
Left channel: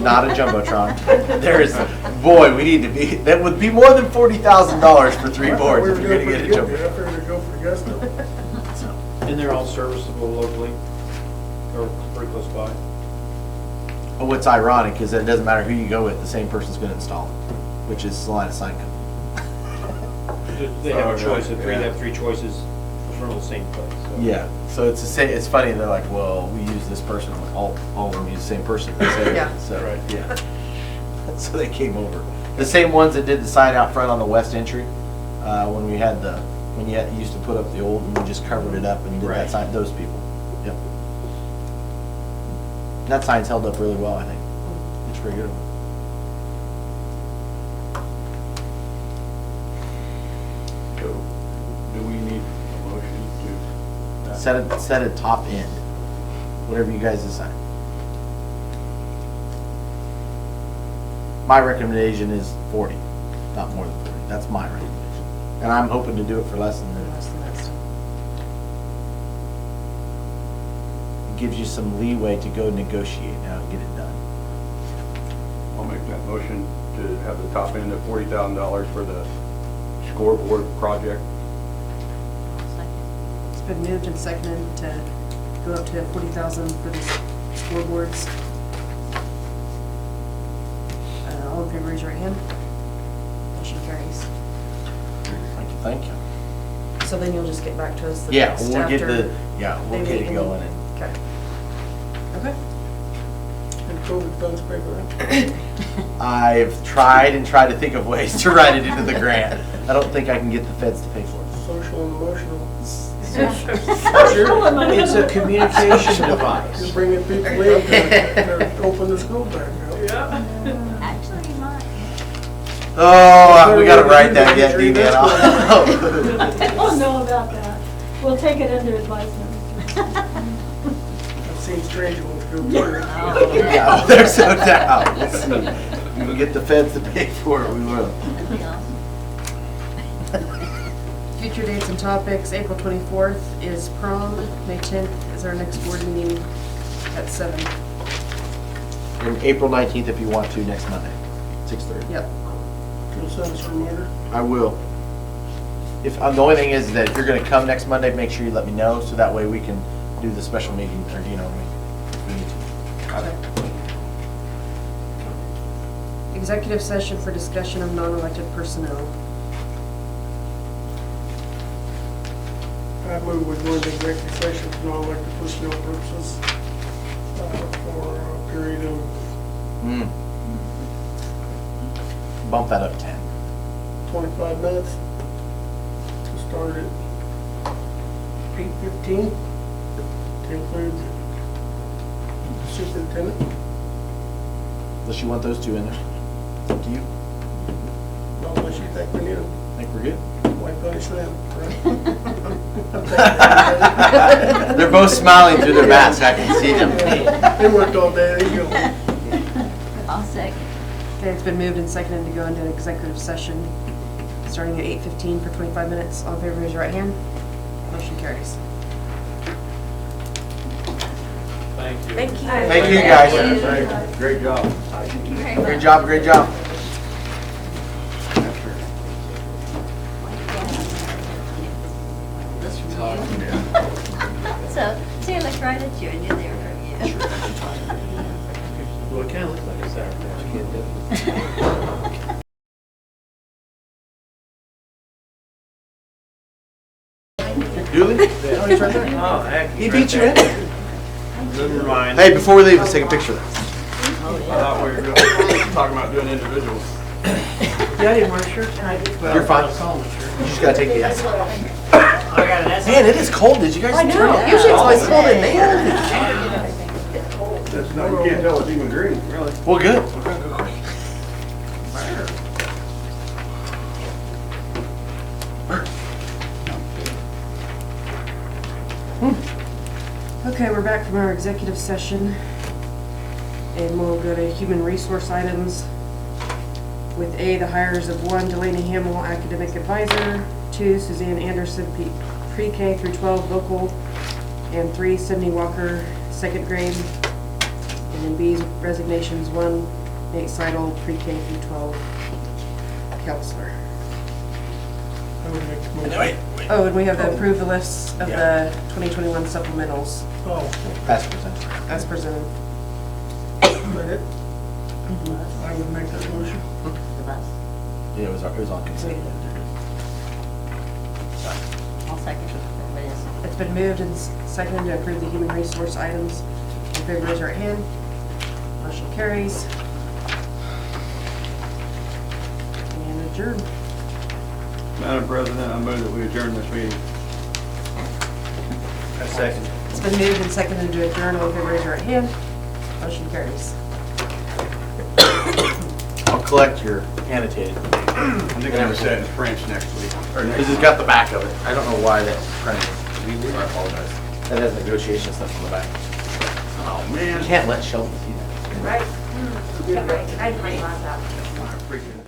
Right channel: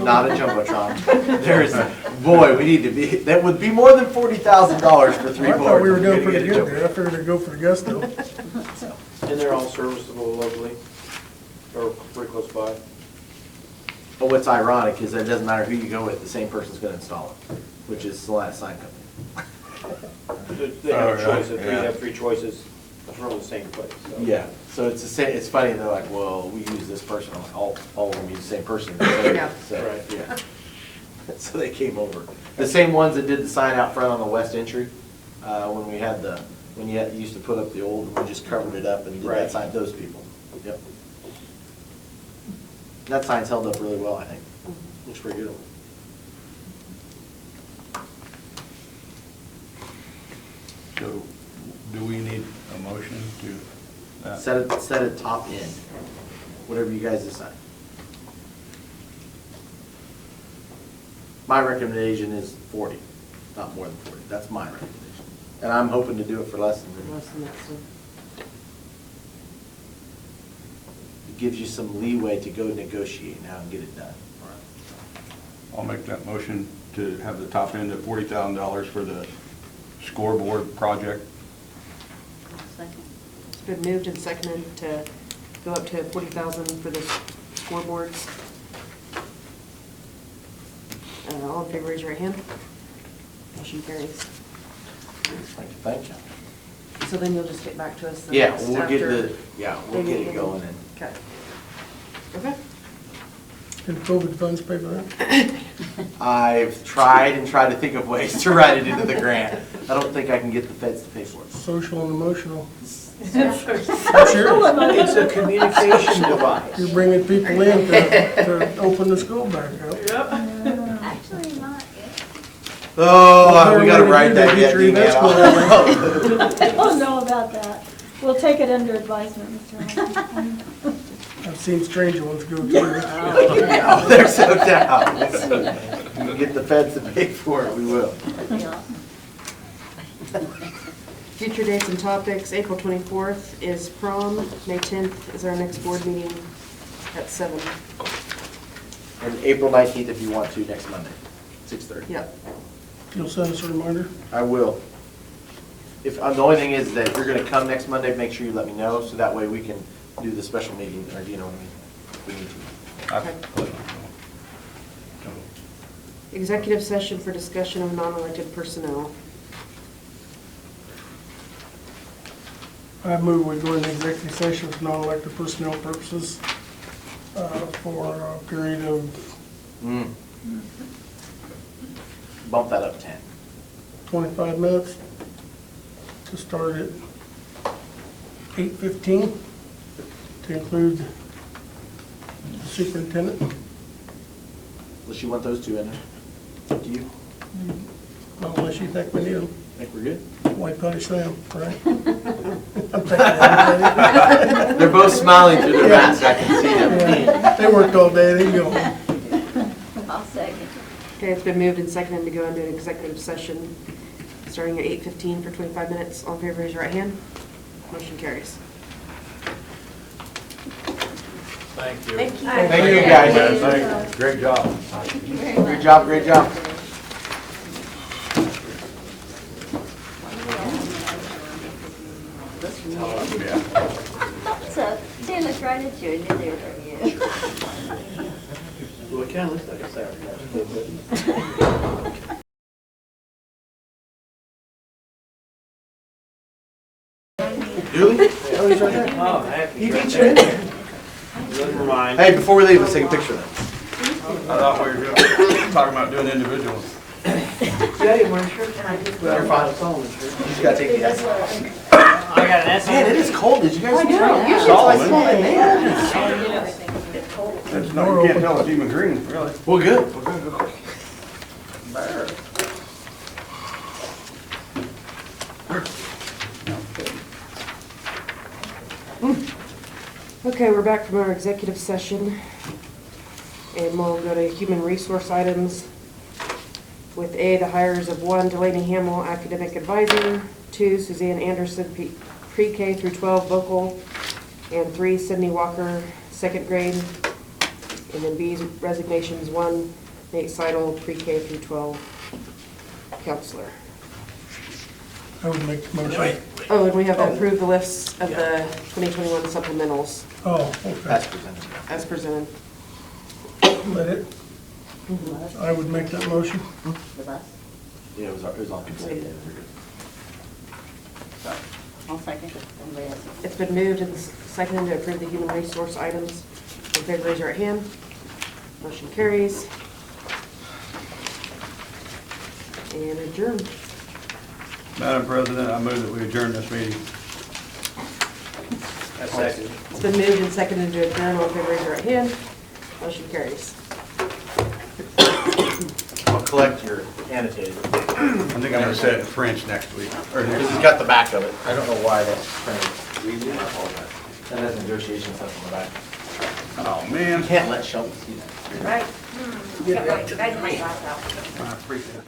Not a Jumbotron. There's, boy, we need to be, that would be more than $40,000 for 3 I thought boards. we were if you're doing gonna pretty get a good there. I figured we'd go for the gusto. So, And they're all serviceable locally, or pretty close by? But what's ironic is that it doesn't matter who you go with, the same person's gonna install it, which is Salina Sign Company. They have a Oh, choice, right, they yeah. have 3 choices from the same place. so. Yeah, so it's the same, it's funny, they're like, well, we use this person, all of them use the same person. Yeah. So, Right. yeah. So they came over. The same ones that did the sign out front on the west entry, when we had when you used to put up the old, and we just covered it up and did that Right. sign, those people. Yep. That sign's held up really well, I think. It's pretty good. So, do we need a motion to? Set a top end, whatever you guys decide. My recommendation is 40, not more than 40. That's my recommendation. And I'm hoping to do it for less than that. Less than that, so. It gives you some leeway to go negotiate now and get it done. I'll make that motion to have the top end of $40,000 for the scoreboard project. It's been moved and seconded to go up to 40,000 for the scoreboards. All in favor, raise your right hand. Motion carries. Thank you. So then you'll just get back to us the Yeah, next we'll get after. we'll they get meet it and- going and. Okay. Okay. Did COVID funds pay for it? I've tried to think of ways to write it into the grant. I don't think I can get the feds to pay for it. Social and emotional. It's a communication device. You're bringing people in to open the school back up. Actually, you might, Oh, we gotta write that yet, Victory, that's what Deanna. I don't know about that. We'll take it under advisement. I've seen stranger ones go through. Oh, there's no doubt. We'll get the feds to pay for it, we will. Future dates and topics, April 24th is prom, May 10th is our next board meeting at 7. And April 19th if you want to, next Monday, 6:30. Yep. You'll send us a reminder? I will. If, the only thing is that if you're gonna come next Monday, make sure you let me know, so that way we can do the special meeting, or you know what I mean, if we need to. Executive session for discussion of non-elected personnel. I move we go into executive session with no elected personnel purposes for a period of Bump that up to 10. 25 minutes to start at 8:15 to include the superintendent. Unless you want those two in there. Up to you. Unless you think we need them. Think we're good? Why punish them, right? They're both smiling through their masks, I can see them. They worked all day, they go. I'll second. Okay, it's been moved and seconded to go into an executive session starting at 8:15 for 25 minutes. All in favor, raise your right hand. Motion carries. Thank you. Thank you. Thank you, guys. Great job. Great job, great job. This from you. So, Sam looked right at you and knew they were from you. Well, it kind of looks like a Sour Patch Kid, doesn't it? Dooley? Oh, heck. He beat you in there. Never mind. Hey, before we leave, let's take a picture of that. I thought we were talking about doing individuals. Yeah, I didn't wear a shirt tonight. You're fine. I saw one shirt. You just gotta take the hat. I got an essay. Man, it is cold. Did you guys? I know, usually it's always cold at night. That's not, you can't tell it's even green, really. Well, good. Okay, we're back from our executive session. And we'll go to human resource items. With A, the hires of 1, Delaney Hamill, academic advisor, 2, Suzanne Anderson, pre-K through 12 vocal, and 3, Sydney Walker, second grade. And then B's resignations, 1, Nate Seidel, pre-K through 12 counselor. I would make the motion. Oh, and we have to approve the lists of the 2021 supplementals Oh, That's presented. as presented. but it, I would make that motion. With us. Yeah, it was on consent. I'll second it. Everybody else. It's been moved and seconded to approve the human resource items. In favor, raise your right hand. Motion carries. And adjourn. Madam President, I move that we adjourn this meeting. I second. It's been moved and seconded to adjourn. All in favor, raise your right hand. Motion carries. I'll collect your annotated. I'm thinking I'm gonna say it in French next week. Because it's got the back of it. I don't know why that's printed. I apologize. That has negotiation stuff on the back. Oh, man. You can't let Sheldon see that. Right. I appreciate it.